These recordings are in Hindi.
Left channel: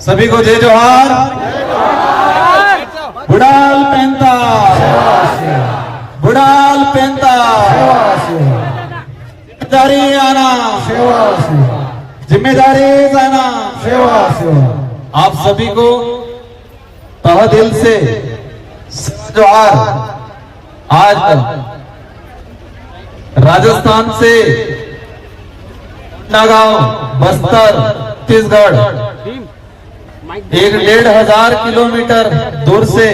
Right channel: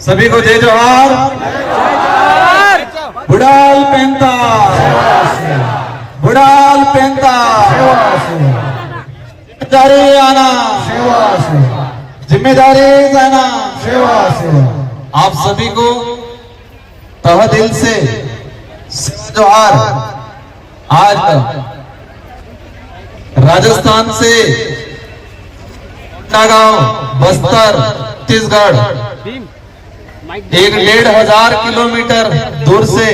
सभी को जय जोहार। बुडाल पेंता, बुडाल पेंता, जिम्मेदारी आना, जिम्मेदारी जाना। आप सभी को तहे दिल से जोहार। आज राजस्थान से नागांव, बस्तर, छत्तीसगढ़ 1,500 किलोमीटर दूर से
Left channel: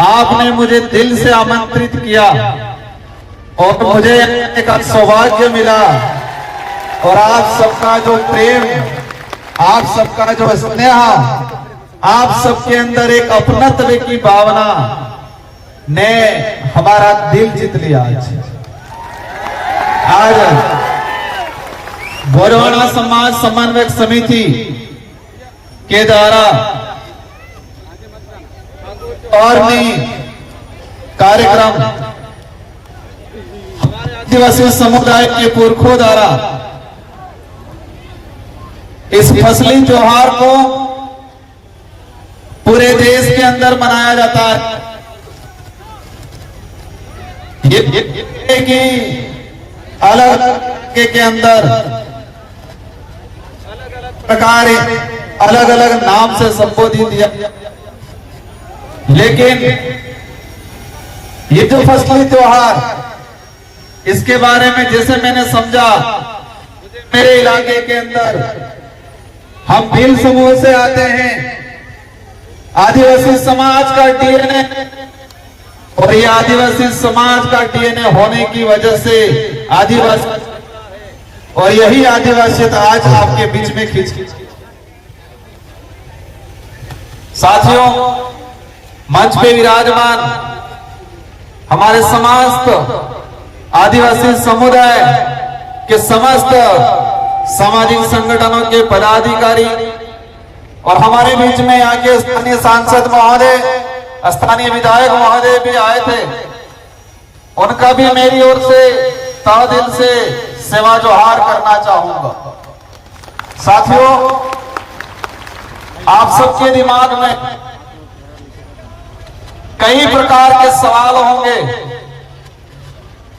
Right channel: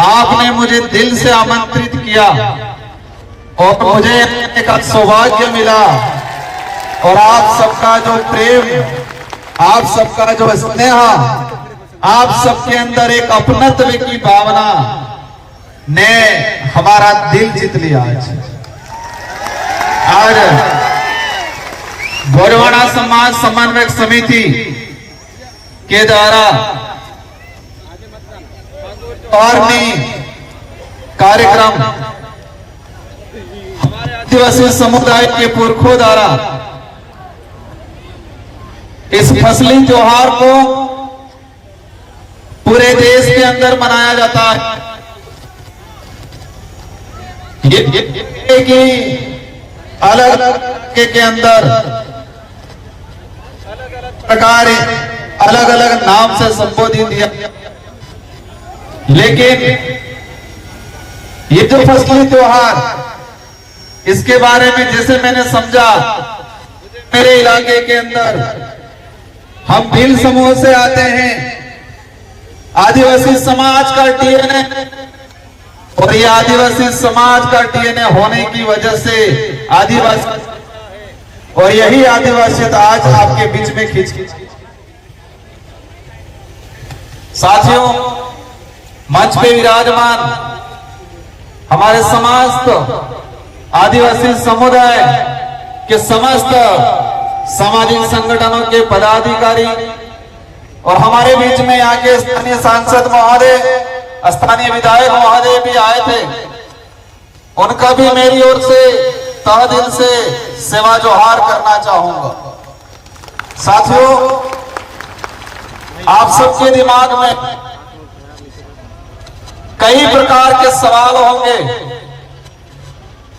आपने मुझे दिल से आमंत्रित किया और मुझे एक सौभाग्य मिला। और आप सबका जो प्रेम, आप सबका जो स्नेह, आप सबके अंदर एक अपनत्व की भावना ने हमारा दिल जीत लिया। आज गोरवाड़ा समाज समन्वयक समिति के द्वारा और कार्यक्रम हमारे आदिवासी समुदाय के पुरखों द्वारा इस फसली त्योहार को पूरे देश के अंदर मनाया जाता है। ये कि अलग अलग के अंदर अलग अलग प्रकार, अलग अलग नाम से संबोधित किया, लेकिन ये जो फसली त्योहार, इसके बारे में जैसे मैंने समझा, मेरे इलाके के अंदर हम भील समूह से आते हैं, आदिवासी समाज का डीएनए, और ये आदिवासी समाज का डीएनए होने की वजह से आदिवासी, और यही आदिवासियत आज आपके बीच में खींच। साथियों, मंच पे विराजमान हमारे समस्त आदिवासी समुदाय के समस्त सामाजिक संगठनों के पदाधिकारी और हमारे बीच में यहाँ के स्थानीय सांसद महोदय, स्थानीय विधायक महोदय भी आए थे, उनका भी मेरी ओर से तहे दिल से सेवा जोहार करना चाहूंगा। साथियों, आप सबके दिमाग में कई प्रकार के सवाल होंगे।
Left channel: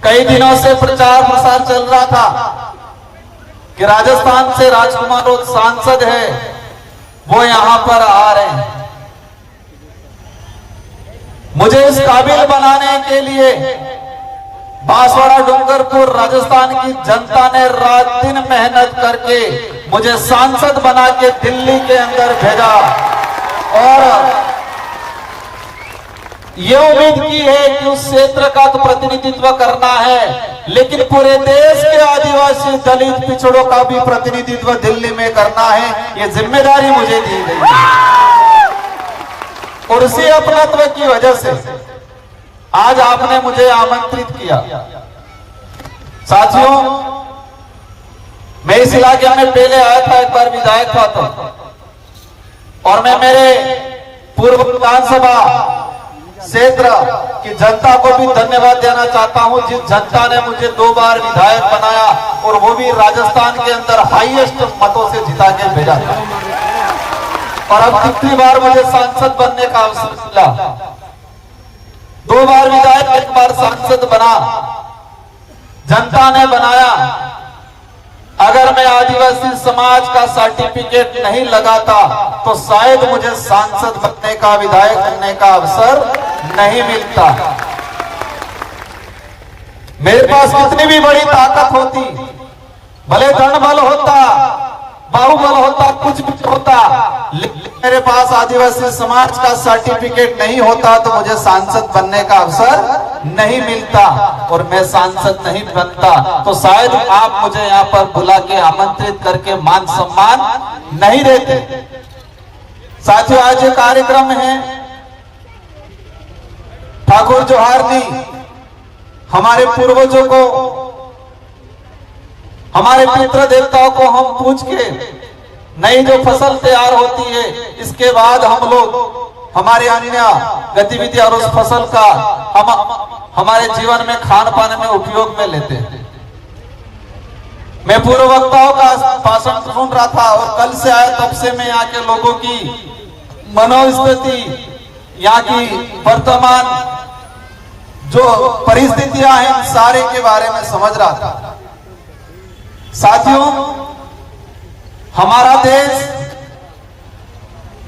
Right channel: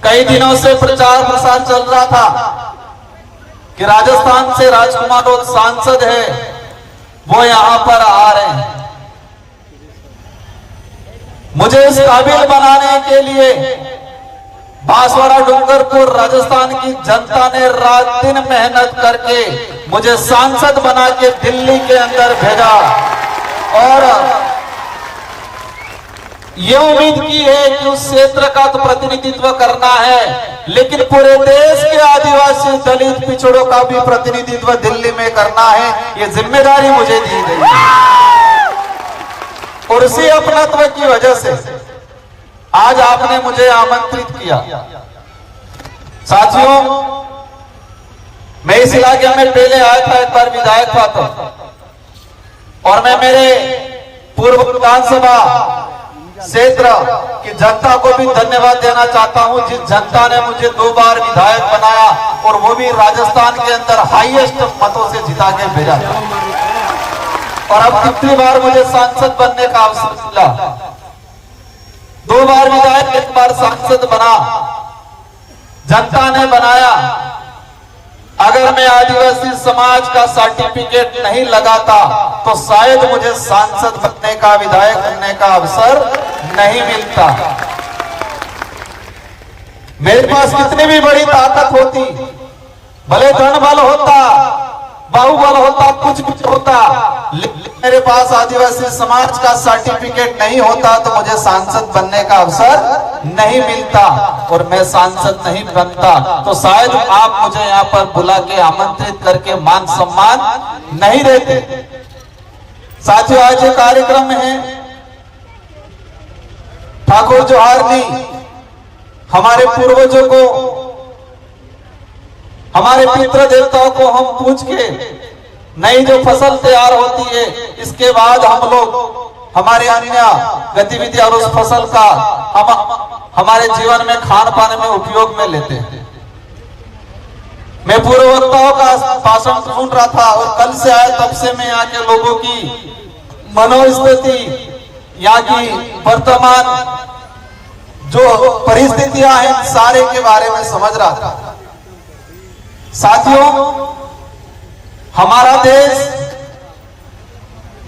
कई दिनों से प्रचार प्रसार चल रहा था कि राजस्थान से राजकुमार लोग सांसद है, वो यहां पर आ रहे हैं। मुझे इस काबिल बनाने के लिए बांसवाड़ा डूंगरपुर राजस्थान की जनता ने रात दिन मेहनत करके मुझे सांसद बना के दिल्ली के अंदर भेजा, और ये उम्मीद की है कि उस क्षेत्र का तो प्रतिनिधित्व करना है, लेकिन पूरे देश के आदिवासी दलित पिछड़ों का भी प्रतिनिधित्व दिल्ली में करना है। ये जिम्मेदारी मुझे दी गई है, और उसी अपनत्व की वजह से आज आपने मुझे आमंत्रित किया। साथियों, मैं इस इलाके में पहले आया था, एक बार विधायक था तो, और मैं मेरे पूर्व विधानसभा क्षेत्र की जनता को भी धन्यवाद देना चाहता हूं, जिस जनता ने मुझे 2 बार विधायक बनाया, और वो भी राजस्थान के अंदर हाईएस्ट मतों से जिता के भेजा था। और अब दूसरी बार मुझे सांसद बनने का अवसर मिला। 2 बार विधायक, 1 बार सांसद बना, जनता ने बनाया। अगर मैं आदिवासी समाज का सर्टिफिकेट नहीं लगाता तो शायद मुझे सांसद बनने का, विधायक बनने का अवसर नहीं मिलता। मेरे पास कितनी भी बड़ी ताकत होती, भले धन बल होता, बाहुबल होता, कुछ भी होता, लेकिन मेरे पास आदिवासी समाज का सर्टिफिकेट नहीं होता तो मुझे सांसद बनने का अवसर नहीं मिलता, और मैं सांसद नहीं बनता तो शायद आप मुझे यहाँ पर बुला के आमंत्रित करके मान सम्मान नहीं देते। साथियों, आज ये कार्यक्रम है ठाकुर जोहारनी, हमारे पूर्वजों को, हमारे पितृ देवताओं को हम पूछ के नई जो फसल तैयार होती है, इसके बाद हम लोग हमारे अन्य गतिविधि और उस फसल का हम हमारे जीवन में खान पान में उपयोग में लेते हैं। मैं पूर्व वक्ताओं का भाषण सुन रहा था और कल से आया तब से मैं यहाँ के लोगों की मनोस्थिति, यहाँ की वर्तमान जो परिस्थितियां हैं सारे के बारे में समझ रहा था। साथियों, हमारा देश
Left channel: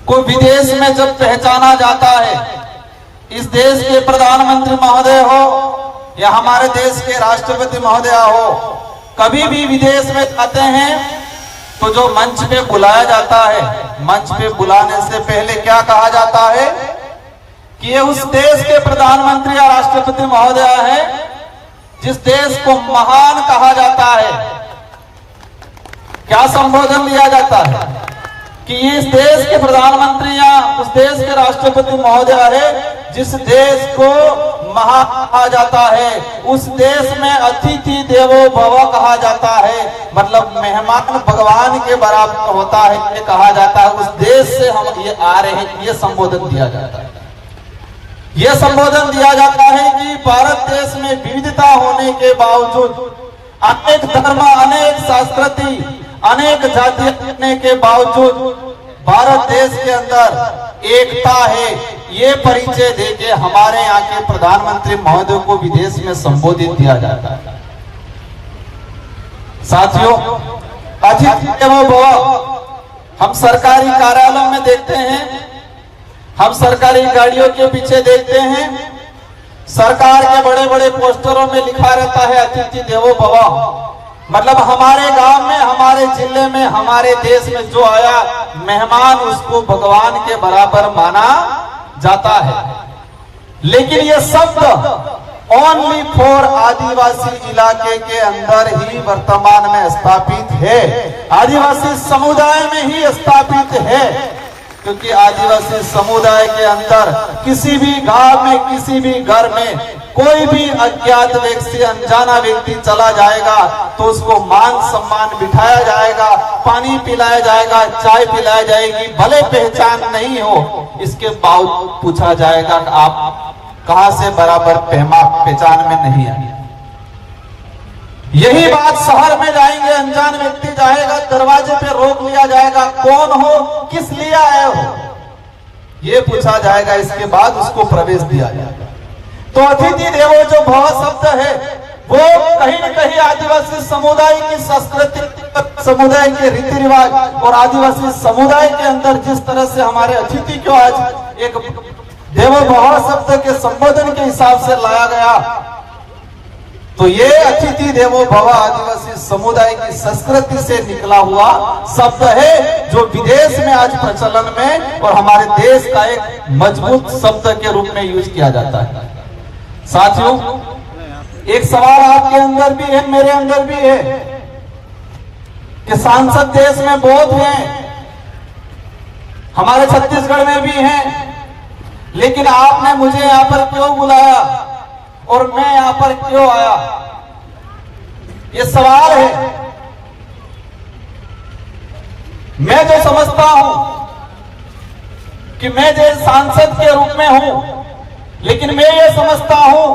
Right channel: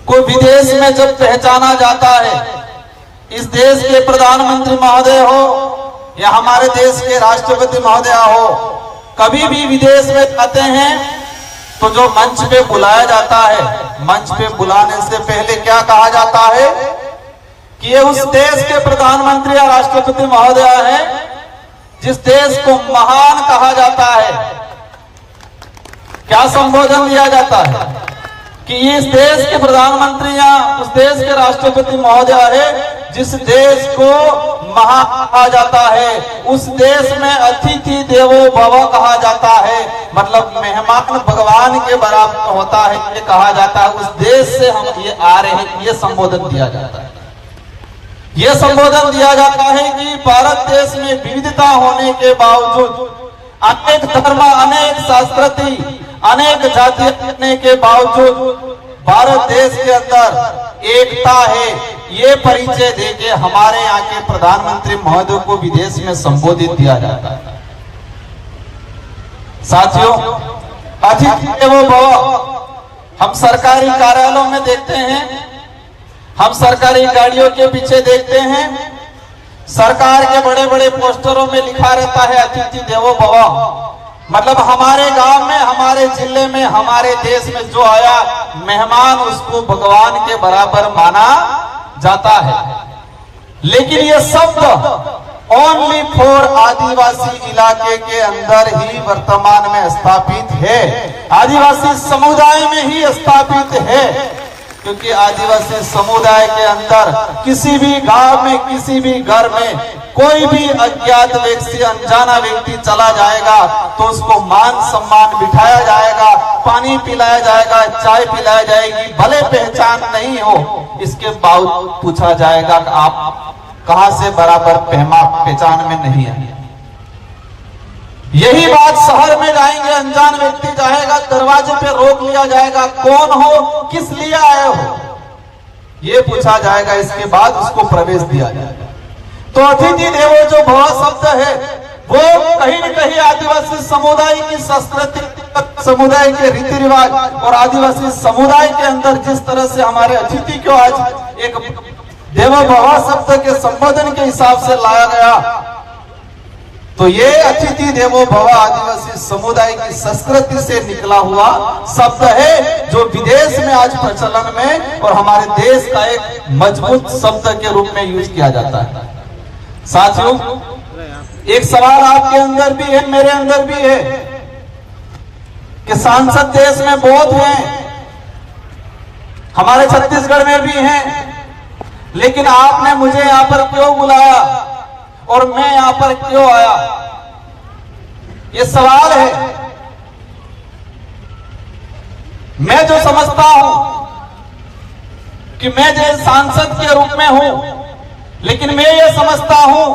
को विदेश में जब पहचाना जाता है, इस देश के प्रधानमंत्री महोदय हो या हमारे देश के राष्ट्रपति महोदय हो, कभी भी विदेश में जाते हैं तो जो मंच पे बुलाया जाता है, मंच पे बुलाने से पहले क्या कहा जाता है कि ये उस देश के प्रधानमंत्री या राष्ट्रपति महोदय है जिस देश को महान कहा जाता है। क्या संबोधन दिया जाता है कि इस देश के प्रधानमंत्री या उस देश के राष्ट्रपति महोदय है जिस देश को महान कहा जाता है, उस देश में अतिथि देवो भव कहा जाता है, मतलब मेहमान भगवान के बराबर होता है, ये कहा जाता है। उस देश से हम ये आ रहे हैं, ये संबोधन दिया जाता है। ये संबोधन दिया जाता है कि भारत देश में विविधता होने के बावजूद, अनेक धर्म, अनेक संस्कृति, अनेक जाति होने के बावजूद भारत देश के अंदर एकता है, ये परिचय देके हमारे यहाँ के प्रधानमंत्री महोदय को विदेश में संबोधित किया जाता है। साथियों, अतिथि देवो भव हम सरकारी कार्यालयों में देखते हैं, हम सरकारी गाड़ियों के पीछे देखते हैं, सरकार के बड़े बड़े पोस्टरों में लिखा रहता है अतिथि देवो भव। मतलब हमारे गांव में, हमारे जिले में, हमारे देश में जो आया मेहमान, उसको भगवान के बराबर माना जाता है। लेकिन ये शब्द ओनली फॉर आदिवासी इलाके के अंदर ही वर्तमान में स्थापित है, आदिवासी समुदाय में ही स्थापित है, क्योंकि आदिवासी समुदाय के अंदर किसी भी गांव में, किसी भी घर में कोई भी अज्ञात व्यक्ति, अनजाना व्यक्ति चला जाएगा तो उसको मान सम्मान बिठाया जाएगा, पानी पिलाया जाएगा, चाय पिलाई जाएगी, भले पहचान नहीं हो इसके बावजूद पूछा जाएगा कि आप कहां से, बराबर पहचान में नहीं आए। यही बात शहर में जाएंगे, अनजान व्यक्ति जाएगा, दरवाजे पे रोक लिया जाएगा, कौन हो, किस लिए आए हो, ये पूछा जाएगा, इसके बाद उसको प्रवेश दिया जाएगा। तो अतिथि देवो जो भव शब्द है वो कहीं न कहीं आदिवासी समुदाय की संस्कृति, समुदाय के रीति रिवाज और आदिवासी समुदाय के अंदर जिस तरह से हमारे अतिथि को आज एक देवो भव शब्द के संबोधन के हिसाब से लाया गया, तो ये अतिथि देवो भव आदिवासी समुदाय की संस्कृति से निकला हुआ शब्द है जो विदेश में आज प्रचलन में और हमारे देश का एक मजबूत शब्द के रूप में यूज किया जाता है। साथियों, एक सवाल आपके अंदर भी है, मेरे अंदर भी है कि सांसद देश में बहुत हैं, हमारे छत्तीसगढ़ में भी हैं, लेकिन आपने मुझे यहां पर क्यों बुलाया और मैं यहां पर क्यों आया, ये सवाल है। मैं जो समझता हूं कि मैं जो सांसद के रूप में हूं, लेकिन मैं ये समझता हूं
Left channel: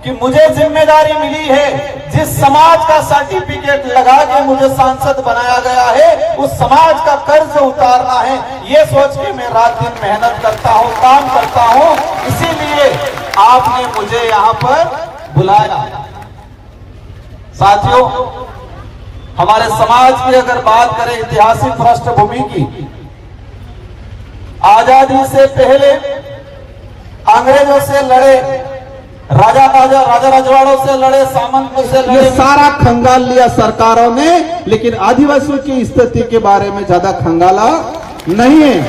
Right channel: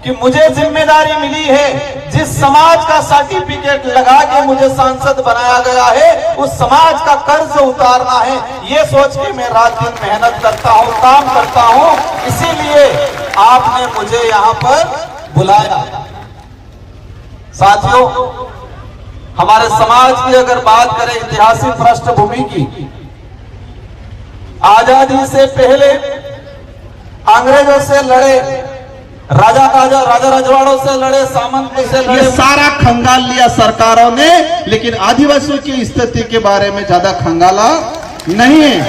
कि मुझे जिम्मेदारी मिली है, जिस समाज का सर्टिफिकेट लगा के मुझे सांसद बनाया गया है, उस समाज का कर्ज उतारना है, ये सोच के मैं रात दिन मेहनत करता हूं, काम करता हूं, इसीलिए आपने मुझे यहां पर बुलाया। साथियों, हमारे समाज की अगर बात करें ऐतिहासिक पृष्ठभूमि की, आजादी से पहले अंग्रेजों से लड़े, राजा रजवाड़ों से लड़े, सामंतों से लड़े, ये सारा खंगाल लिया सरकारों ने, लेकिन आदिवासियों की स्थिति के बारे में ज्यादा खंगाला नहीं है।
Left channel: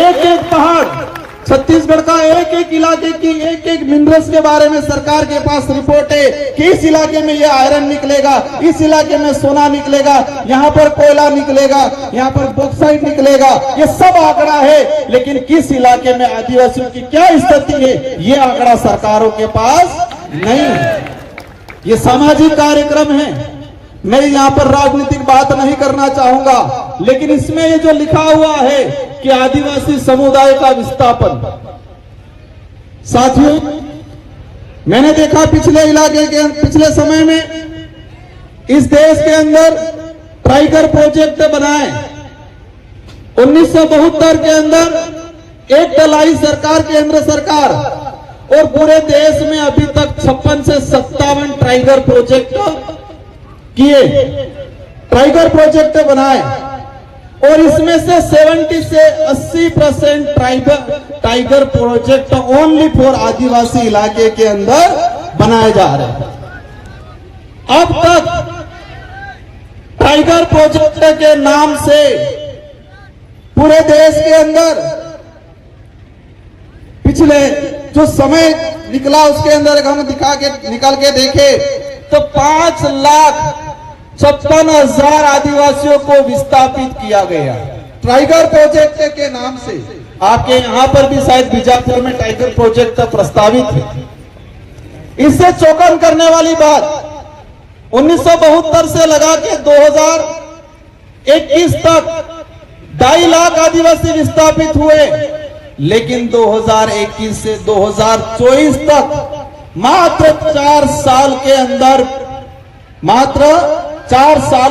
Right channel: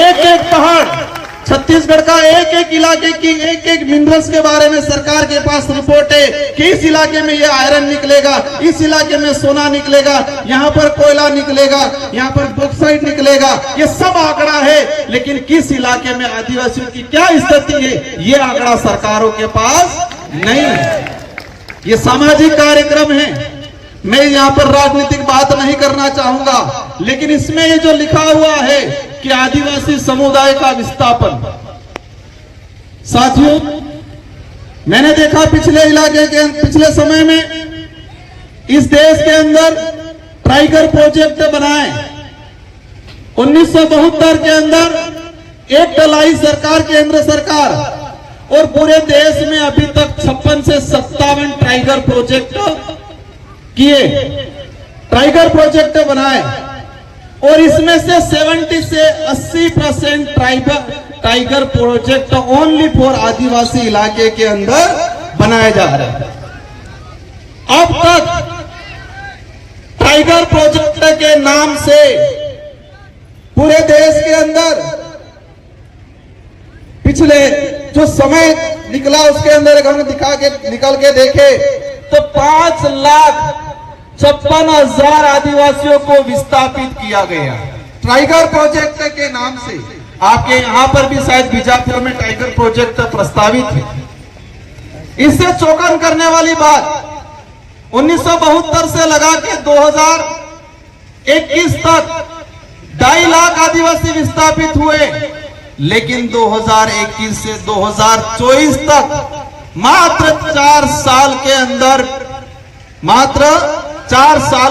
एक एक पहाड़, छत्तीसगढ़ का एक एक इलाके की एक एक मिनरल्स के बारे में सरकार के पास रिपोर्ट है कि इस इलाके में ये आयरन निकलेगा, इस इलाके में सोना निकलेगा, यहाँ पर कोयला निकलेगा, यहाँ पर बॉक्साइट निकलेगा, ये सब आंकड़ा है। लेकिन किस इलाके में आदिवासियों की क्या स्थिति है, ये आंकड़ा सरकारों के पास नहीं है। ये सामाजिक कार्यक्रम है, मैं यहाँ पर राजनीतिक बात नहीं करना चाहूंगा, लेकिन इसमें ये जो लिखा हुआ है कि आदिवासी समुदाय का विस्थापन, साथियों मैंने देखा पिछले समय में इस देश के अंदर टाइगर प्रोजेक्ट बनाए। 1972 के अंदर एक लाई सरकार, केंद्र सरकार, और पूरे देश में अभी तक 56 से 57 टाइगर प्रोजेक्ट किए, टाइगर प्रोजेक्ट बनाए, और इसमें से 70 से 80% टाइगर प्रोजेक्ट ओनली फॉर आदिवासी इलाके के अंदर बनाए जा रहे हैं। अब तक टाइगर प्रोजेक्ट के नाम से पूरे देश के अंदर पिछले जो समय निकला उसके अंदर हम निकाल के देखे तो 5,56,000 आदिवासियों को विस्थापित किया गया टाइगर प्रोजेक्ट के नाम से। आपके यहां पर भी शायद बीजापुर में टाइगर प्रोजेक्ट प्रस्तावित है। इससे चौंकन करने वाली बात, 1972 से लगा के 2021 तक 2.5 लाख आदिवासी विस्थापित हुए, लेकिन 2021 से 2024 तक मात्र 4 साल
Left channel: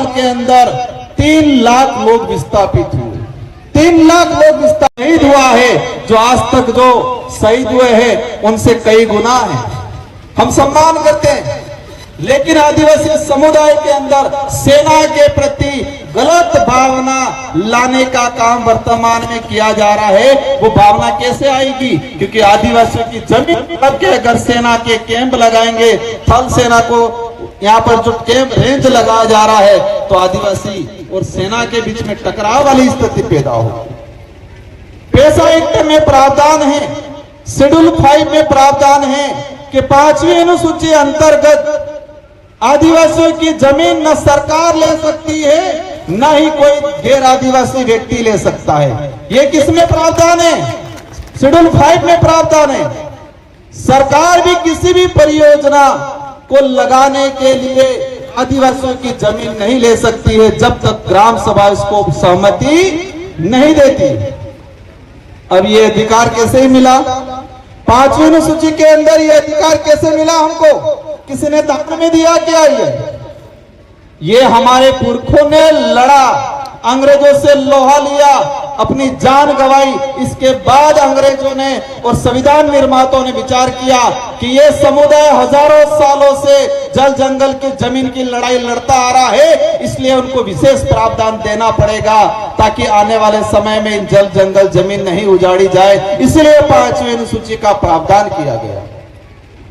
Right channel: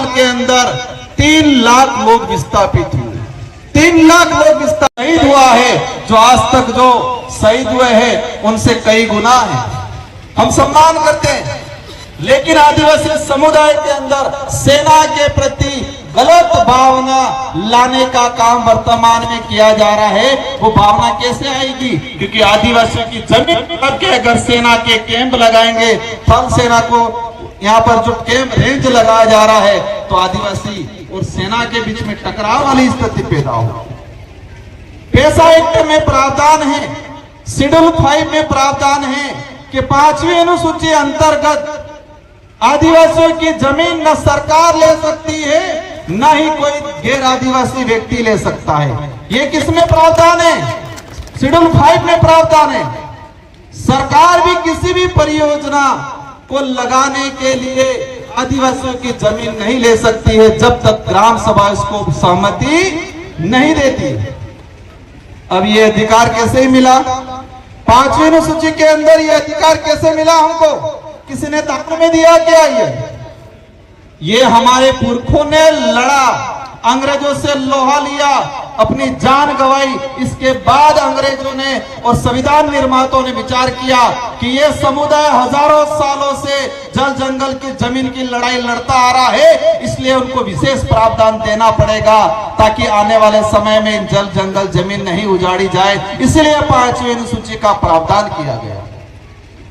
के अंदर 3 लाख लोग विस्थापित हुए। 3 लाख लोग शहीद हुआ है। जो आज तक जो शहीद हुए हैं उनसे कई गुना है। हम सम्मान करते हैं, लेकिन आदिवासी समुदाय के अंदर सेना के प्रति गलत भावना लाने का काम वर्तमान में किया जा रहा है। वो भावना कैसे आएगी? क्योंकि आदिवासियों की जमीन पर के अगर सेना के कैंप लगाएंगे, थल सेना को यहाँ पर जो कैंप रेंज लगाया जा रहा है, तो आदिवासी और सेना के बीच में टकराव वाली स्थिति पैदा होगी। पैसा एक्ट में प्रावधान है, शेड्यूल 5 में प्रावधान है कि 5वीं अनुसूची अंतर्गत आदिवासियों की जमीन न सरकार ले सकती है, न ही कोई गैर आदिवासी व्यक्ति ले सकता है। ये किसमें प्रावधान है? शेड्यूल 5 में प्रावधान है। सरकार भी किसी भी परियोजना को लगाने के लिए आदिवासियों की जमीन नहीं ले सकती है जब तक ग्राम सभा उसको सहमति नहीं देती। अब ये अधिकार कैसे मिला? 5वीं अनुसूची के अंदर ये अधिकार कैसे मिला हमको? किसी ने दान में दिया क्या? ये हमारे पुरखों ने लड़ा, अंग्रेजों से लोहा लिया, अपनी जान गंवाई। इसके बाद अंग्रेजों ने और संविधान निर्माताओं ने विचार किया कि ये समुदाय हजारों सालों से जल जंगल की जमीन की लड़ाई लड़ता आ रहा है, इसलिए उनको विशेष प्रावधान देना पड़ेगा ताकि आने वाले समय में जल जंगल जमीन नहीं उजाड़ी जाए। इसलिए 5वीं अनुसूची का प्रावधान किया गया।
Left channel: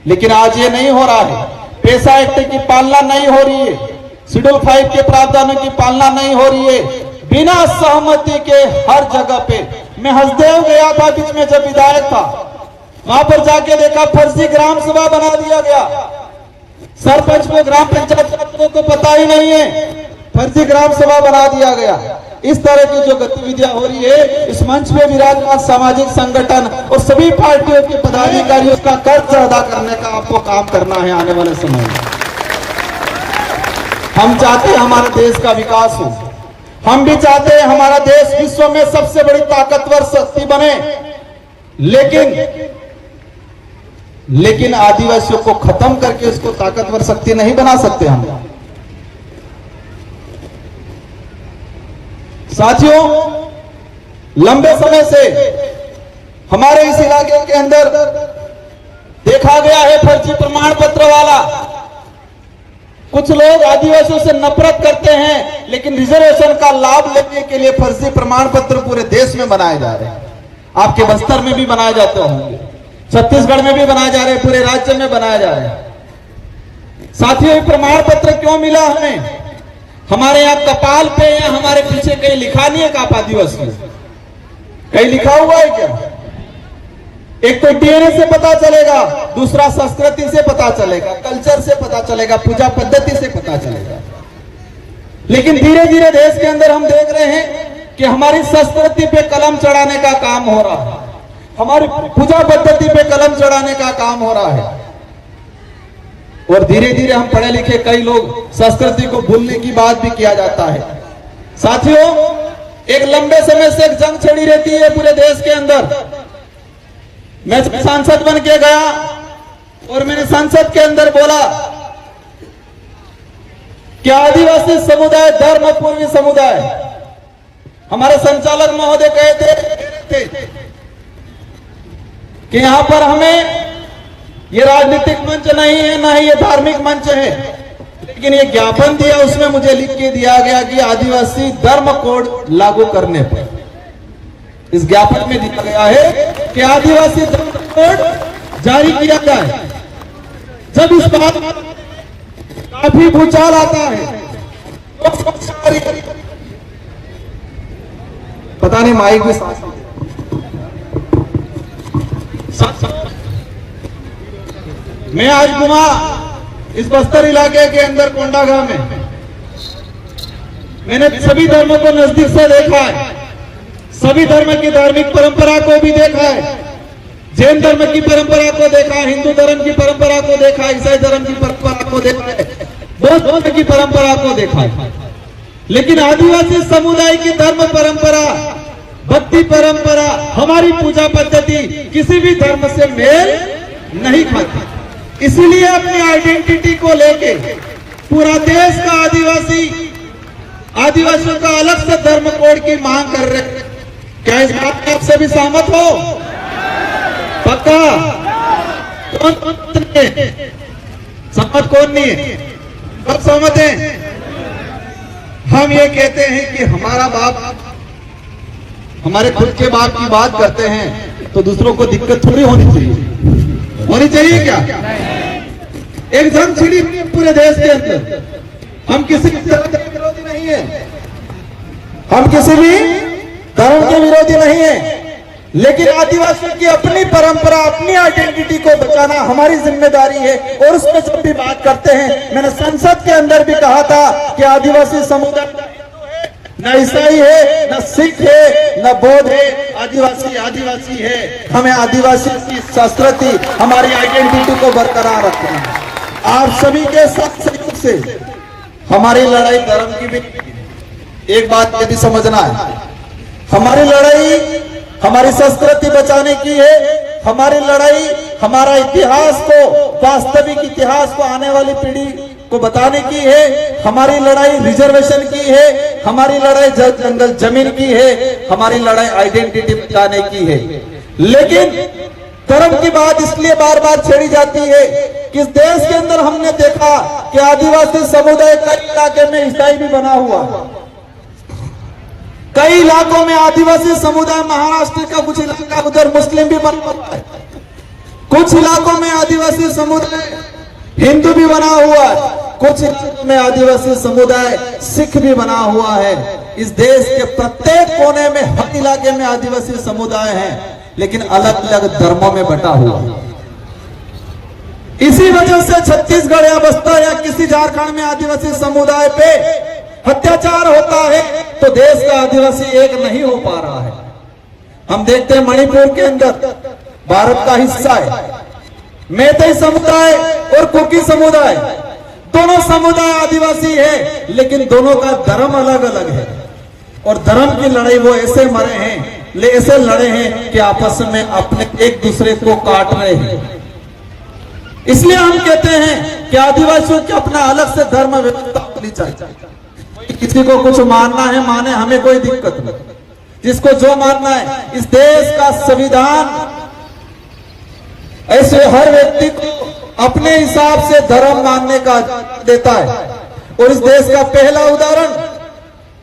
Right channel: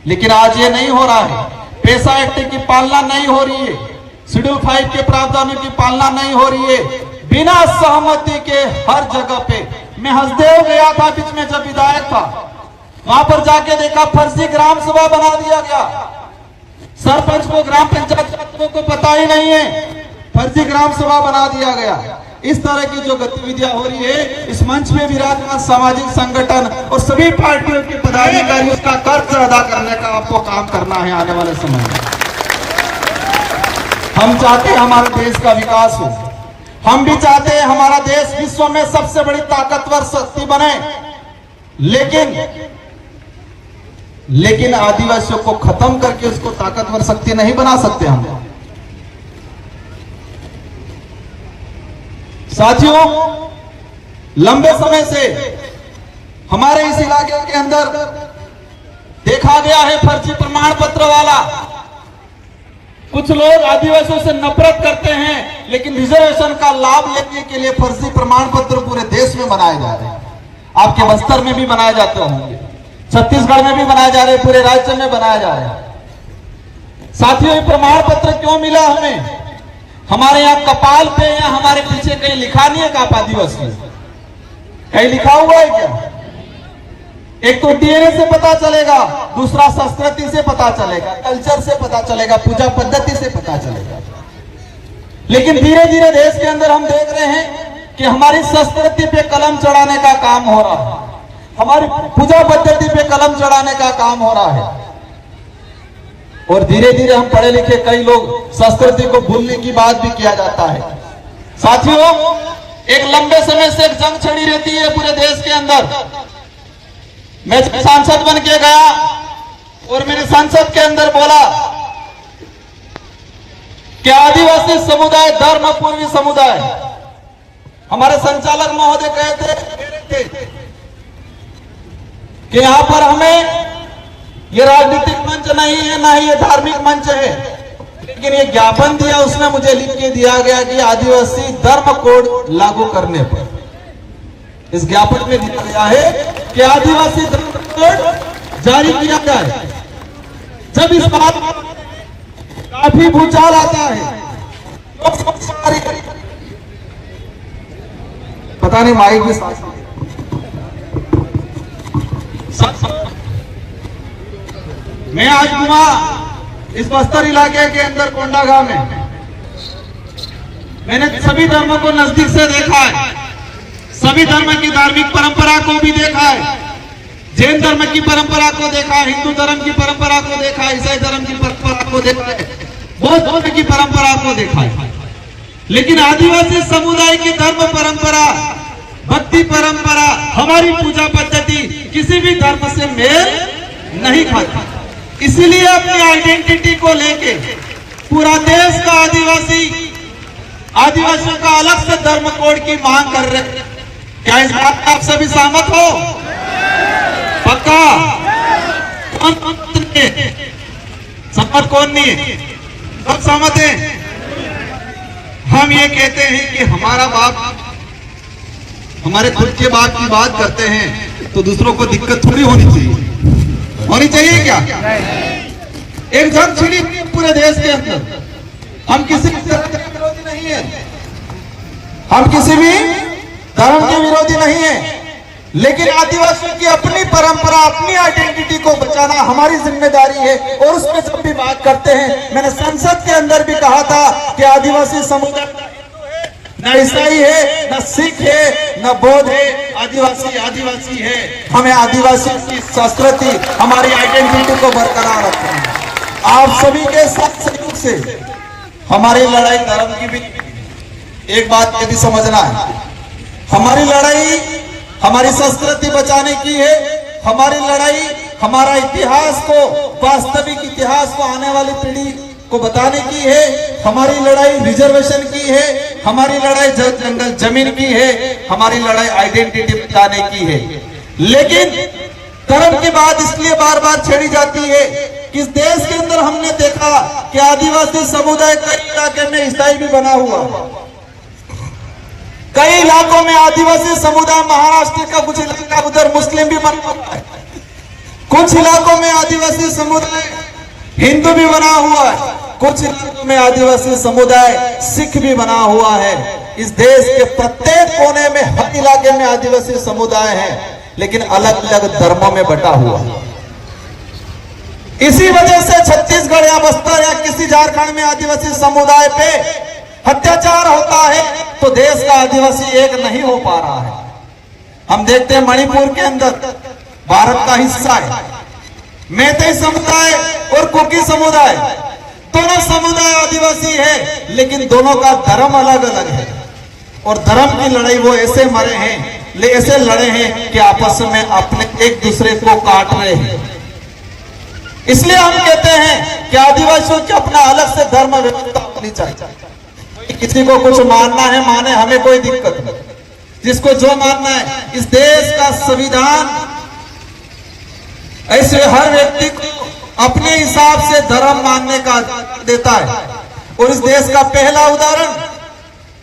लेकिन आज ये नहीं हो रहा है। पैसा एक्ट की पालना नहीं हो रही है, शेड्यूल 5 के प्रावधानों की पालना नहीं हो रही है। बिना सहमति के हर जगह पे, मैं हसदेव गया था बीच में जब विधायक था, वहां पर जाके देखा फर्जी ग्राम सभा बना दिया गया। सरपंच को, ग्राम पंचायत को पता ही नहीं है, फर्जी ग्राम सभा बना दिया गया। इस तरह की जो गतिविधियां हो रही है, इस मंच पे विराजमान सामाजिक संगठन और सभी पार्टियों के पदाधिकारियों का कर्ज अदा करने का आपको काम करना है आने वाले समय में। हम चाहते हैं हमारे देश का विकास हो, हम भी चाहते हैं हमारा देश विश्व में सबसे बड़ी ताकतवर शक्ति बने, लेकिन आदिवासियों को खत्म करके इसको ताकतवर शक्ति नहीं बना सकते हम। साथियों, लंबे समय से हमारे इस इलाके के अंदर देखा गया है फर्जी प्रमाण पत्र वाला। कुछ लोग आदिवासियों से नफरत करते हैं, लेकिन रिजर्वेशन का लाभ लेने के लिए फर्जी प्रमाण पत्र पूरे देश में बनाए जा रहे हैं। आपके बस्तर में भी बनाए जाते होंगे, छत्तीसगढ़ में भी बनाए जा रहे हैं, पूरे राज्य में बनाए जा रहे हैं। साथियों, प्रमाण पत्र क्यों मिला हमें? हमारे यहाँ कपाल पे या हमारे पीछे कहीं लिखा नहीं है का आप आदिवासी? कहीं लिखा हुआ है क्या? एक तो डीएनए से पता चलेगा, दूसरा संस्कृति से पता चलेगा, कल्चर से पता चलेगा, पूजा पद्धति से पता चलेगा। लेकिन धीरे धीरे देश के अंदर हम देख रहे हैं कि हमारी संस्कृति पे कलम चढ़ाने का काम हो रहा है, हमारी पूजा पद्धति पे कलम चढ़ाने का काम हो रहा है। और धीरे धीरे हम पढ़े लिखे कई लोग संस्कृति को भूलने की बात भी किया जाता है। साथियों, एक लंबे समय से एक जंग छिड़ी रहती है पूरे देश के अंदर। मैं सांसद बन के गया और मैंने संसद के अंदर बोला कि आदिवासी समुदाय धर्मपूर्ण समुदाय। हमारे संचालक महोदय कह रहे थे कि यहां पर हमें ये राजनीतिक मंच नहीं है, ना ही ये धार्मिक मंच है, लेकिन ये ज्ञापन दिया, उसमें मुझे लिख के दिया गया कि आदिवासी धर्म कोड लागू करने पर, इस ज्ञापन में दिया गया है कि आदिवासी धर्म कोड जारी किया जाए। जब इस बात काफी भूचाल आता है, पता नहीं माइक में मैं आज घुमा इस बस्तर इलाके के अंदर कोंडागांव में, मैंने सभी धर्मों को नजदीक से देखा है, सभी धर्म की धार्मिक परंपरा को भी देखा है। जैन धर्म की परंपरा को देखा, हिंदू धर्म की परंपरा को देखा, ईसाई धर्म की परंपरा को देखा है, बौद्ध धर्म की परंपरा को देखा है, लेकिन आदिवासी समुदाय की धर्म परंपरा, भक्ति परंपरा, हमारी पूजा पद्धति किसी भी धर्म से मेल नहीं खाती। इसीलिए अपनी आइडेंटिटी को लेके पूरा देश का आदिवासियों का अलग से धर्म कोड की मांग कर रहे। क्या इस बात आप सभी सहमत हो? पक्का? सहमत कौन नहीं है? सब सहमत हैं। हम ये कहते हैं कि हमारा बाप, हमारे खुद के बाप की बात करते हैं तो दूसरों को दिक्कत थोड़ी होनी चाहिए क्या? एक जंग छिड़ी पूरे देश के अंदर। हम किसी भी धर्म के विरोधी नहीं है, हम किसी भी धर्म के विरोधी नहीं है, लेकिन आदिवासियों की अपनी परंपरा, अपनी आइडेंटिटी को बचाना हमारी जिम्मेदारी है। और उसमें जब भी बात करते हैं, मैंने संसद के अंदर भी कहा था कि आदिवासी समुदाय न ईसाई है, न सिख है, न बौद्ध है, आदिवासी है। हमें आदिवासी की संस्कृति, हमारी आइडेंटिटी को बरकरार रखना है। आप सभी के साथ सहयोग से हमारी लड़ाई धर्म की भी, एक बात ये भी समझना है, हमारी लड़ाई हमारी संस्कृति बचाने की है। हमारी लड़ाई हमारा इतिहास को, वास्तविक इतिहास को आने वाली पीढ़ी को बताने की है। हमारी लड़ाई रिजर्वेशन की है, हमारी लड़ाई जंगल जमीन की है, हमारी लड़ाई आइडेंटिटी बचाने की है। लेकिन धर्म की बात इसलिए बार बार छेड़ी जाती है कि इस देश के अंदर हमने देखा कि आदिवासी समुदाय कई इलाके में ईसाई भी बना हुआ है, कई इलाकों में आदिवासी समुदाय, महाराष्ट्र का कुछ इलाका उधर मुस्लिम भी बना हुआ है, कुछ इलाकों में आदिवासी समुदाय हिंदू भी बना हुआ है, कुछ इलाकों में आदिवासी समुदाय सिख भी बना हुआ है। इस देश के प्रत्येक कोने में, हर इलाके में आदिवासी समुदाय है, लेकिन अलग अलग धर्मों में बटा हुआ। इसी वजह से छत्तीसगढ़ या बस्तर या किसी झारखंड में आदिवासी समुदाय पे अत्याचार होता है तो देश का आदिवासी एक नहीं हो पा रहा है। हम देखते हैं मणिपुर के अंदर भारत का हिस्सा है, मैतेई समुदाय और कुकी समुदाय, दोनों समुदाय आदिवासी है, लेकिन दोनों का धर्म अलग अलग है। और धर्म की लड़ाई वो ऐसे मरे हैं, ऐसे लड़े हैं कि आपस में अपने एक दूसरे को काट रहे हैं। इसलिए हम कहते हैं कि आदिवासियों की अपना अलग से धर्म व्यवस्था होनी चाहिए। किसी को कुछ मानना है माने, हमें कोई दिक्कत नहीं, जिसको जो मानना है। इस देश का संविधान ऐसे हर व्यक्ति को अपने हिसाब से धर्म मानने का देता है। और इस देश का पहला उदाहरण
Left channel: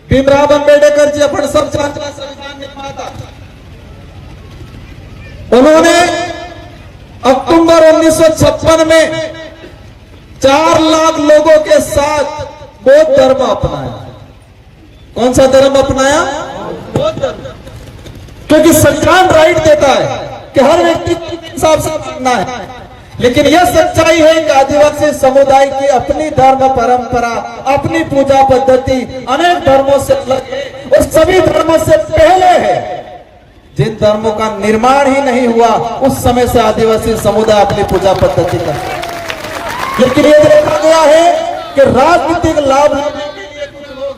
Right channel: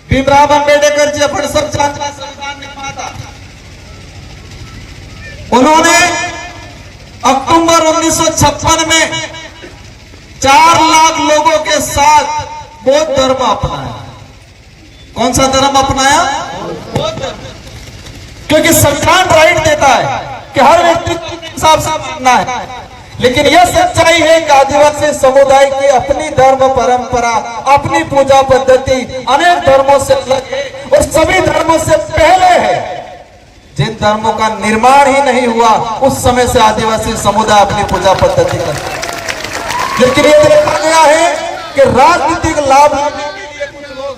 भीमराव अंबेडकर जी, अपन सब जानते हैं, संविधान निर्माता। उन्होंने अक्टूबर 1956 में 4 लाख लोगों के साथ बौद्ध धर्म अपनाया। कौन सा धर्म अपनाया? बौद्ध धर्म। क्योंकि संविधान राइट देता है कि हर व्यक्ति के हिसाब से मानना है। लेकिन यह सच्चाई है कि आदिवासी समुदाय की अपनी धर्म परंपरा, अपनी पूजा पद्धति अनेक धर्मों से अलग है और सभी धर्मों से पहले है। जिन धर्मों का निर्माण ही नहीं हुआ, उस समय से आदिवासी समुदाय अपनी पूजा पद्धति करते हैं। लेकिन ये देखा गया है कि राजनीतिक लाभ लेने के लिए कुछ लोग,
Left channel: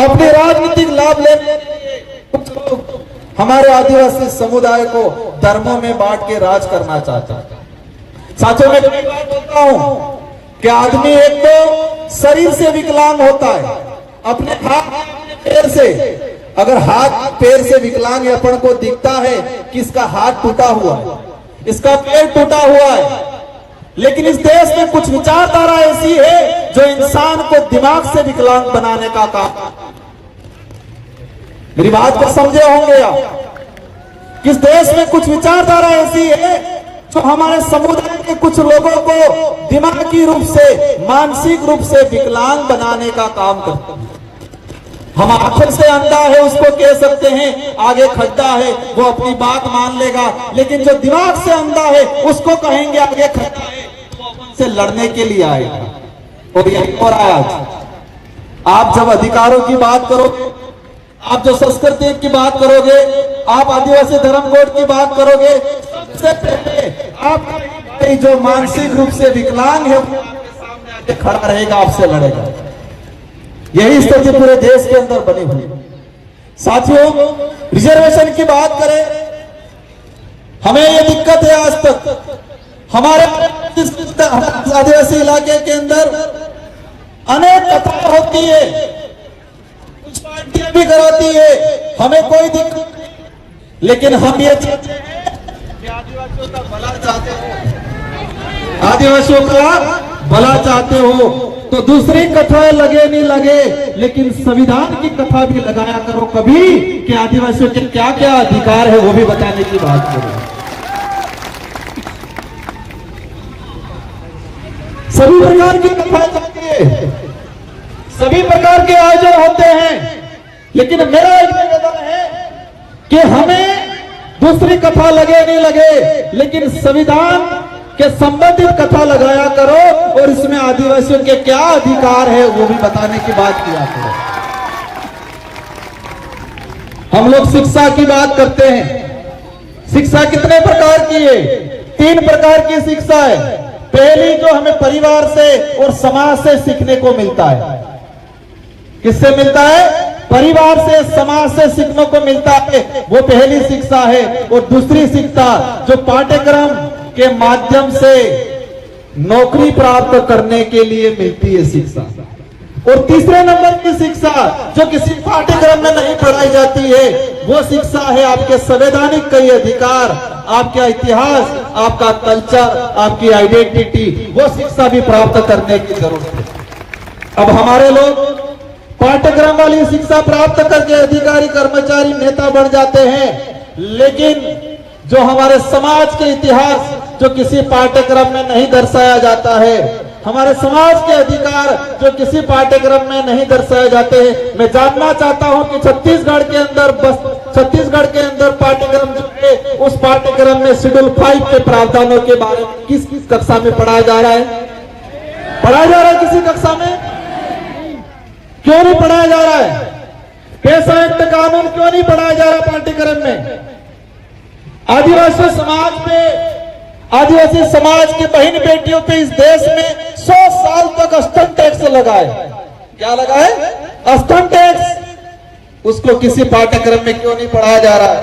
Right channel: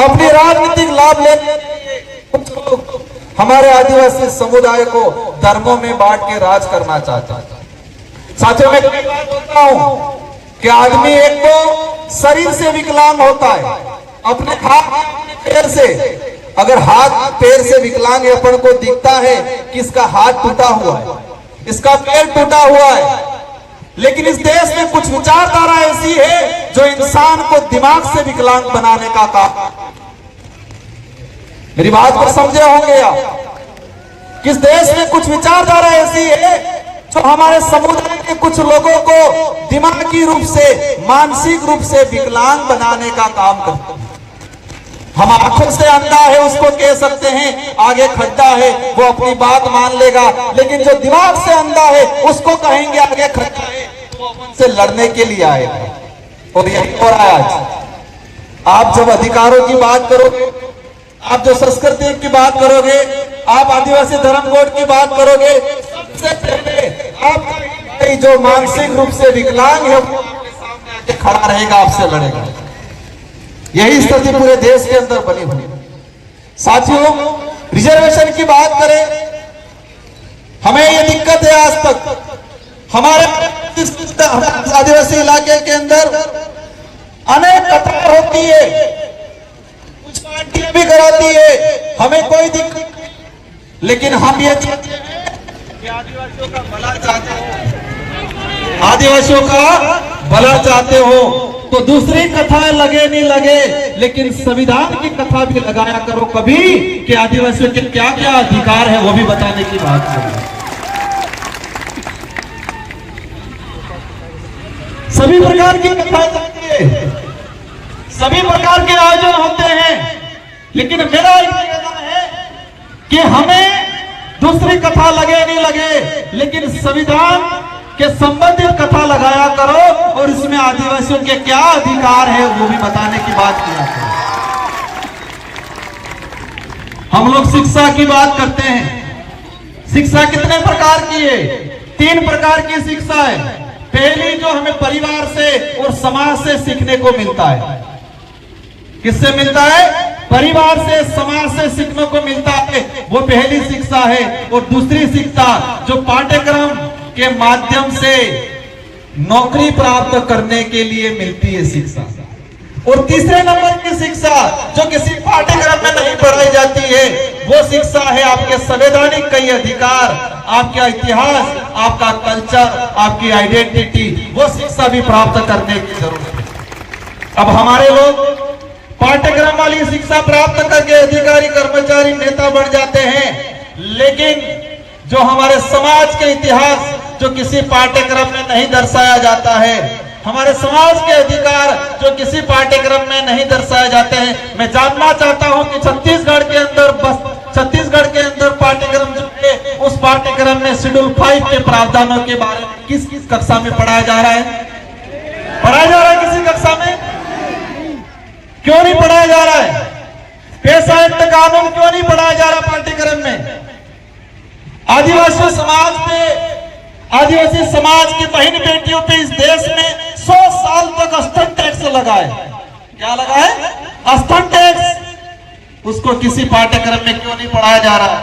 अपने राजनीतिक लाभ लेने के लिए कुछ लोग हमारे आदिवासी समुदाय को धर्मों में बांट के राज करना चाहते हैं। साथियों, मैं कई बार बोलता हूं कि आदमी एक तो शरीर से विकलांग होता है, अपने हाथ अपने पैर से, अगर हाथ पैर से विकलांग अपन को दिखता है कि इसका हाथ टूटा हुआ है, इसका पैर टूटा हुआ है, लेकिन इस देश में कुछ विचारधारा ऐसी है जो इंसान को दिमाग से विकलांग बनाने का काम। मेरी बात को समझे होंगे आप? किस देश में कुछ विचारधारा ऐसी है जो हमारे समुदाय के कुछ लोगों को दिमागी रूप से, मानसिक रूप से विकलांग बनाने का काम करते हैं। हम आंखों से अंधा है उसको कह सकते हैं आगे खड्डा है, वो अपनी बात मान लेगा, लेकिन जो दिमाग से अंधा है उसको कहेंगे आगे खड्डा है, तो अपन से लड़ने के लिए आएगा। और यही हो रहा है आज। आप जब अधिकारों की बात करोगे, आप जो संस्कृति की बात करोगे, आप आदिवासी धर्म कोड की बात करोगे, सबसे पहले आपका जो मानसिक रूप से विकलांग है वो आपके सामने आके खड़ा रहेगा, आपसे लड़ेगा। यही स्थिति पूरे देश के अंदर बनी हुई। साथियों, रिजर्वेशन की बात करें, हमें ये दिक्कत है आज तक हमारे आदिवासी इलाके के अंदर अनेक कतार होती है, कुछ पार्टियां भी कराती है, हमें कोई दिक्कत नहीं, लेकिन हम ये चाहते हैं कि आदिवासियों का भला चाहते हो, आदिवासियों का भला चाहते हो तो दूसरी कथा लगे नहीं लगे, लेकिन संविधान की कथा भी लगाया करो कभी कि आदिवासियों के क्या क्या अधिकार है वो भी बताने की बात करो। सभी प्रकार की कथा चलती है, सभी प्रकार के आयोजन होते हैं, लेकिन मेरा एक निवेदन है कि हमें दूसरी कथा लगे नहीं लगे, लेकिन संविधान के संबंधित कथा लगाया करो और इसमें आदिवासियों के क्या अधिकार है वो भी बताने की बात किया करो। हम लोग शिक्षा की बात करते हैं। शिक्षा कितने प्रकार की है? 3 प्रकार की शिक्षा है। पहली जो हमें परिवार से और समाज से सीखने को मिलता है। किससे मिलता है? परिवार से, समाज से सीखने को मिलता है, वो पहली शिक्षा है। और दूसरी शिक्षा जो पाठ्यक्रम के माध्यम से नौकरी प्राप्त करने के लिए मिलती है शिक्षा। और तीसरे नंबर की शिक्षा जो किसी पाठ्यक्रम में नहीं पढ़ाई जाती है वो शिक्षा है आपके संवैधानिक कई अधिकार, आपका इतिहास, आपका कल्चर, आपकी आइडेंटिटी, वो शिक्षा भी प्राप्त करने की जरूरत है। अब हमारे लोग पाठ्यक्रम वाली शिक्षा प्राप्त करके अधिकारी, कर्मचारी, नेता बन जाते हैं, लेकिन जो हमारे समाज के इतिहास जो किसी पाठ्यक्रम में नहीं दर्शाया जाता है, हमारे समाज के अधिकार जो किसी पाठ्यक्रम में नहीं दर्शाए जाते हैं। मैं जानना चाहता हूं कि छत्तीसगढ़ के अंदर पाठ्यक्रम जो है उस पाठ्यक्रम में शेड्यूल 5 के प्रावधानों के बारे में किस किस कक्षा में पढ़ाया जा रहा है? पढ़ाया जा रहा है किसी कक्षा में? क्यों नहीं पढ़ाया जा रहा है? पेशा एक्ट कानून क्यों नहीं पढ़ाया जा रहा पाठ्यक्रम में? आदिवासी समाज की बहन बेटियों पे इस देश में 100 साल तक स्तन टैक्स लगा है। क्या लगा है? स्तन टैक्स। उसको किसी पाठ्यक्रम में क्यों नहीं पढ़ाया जा रहा है?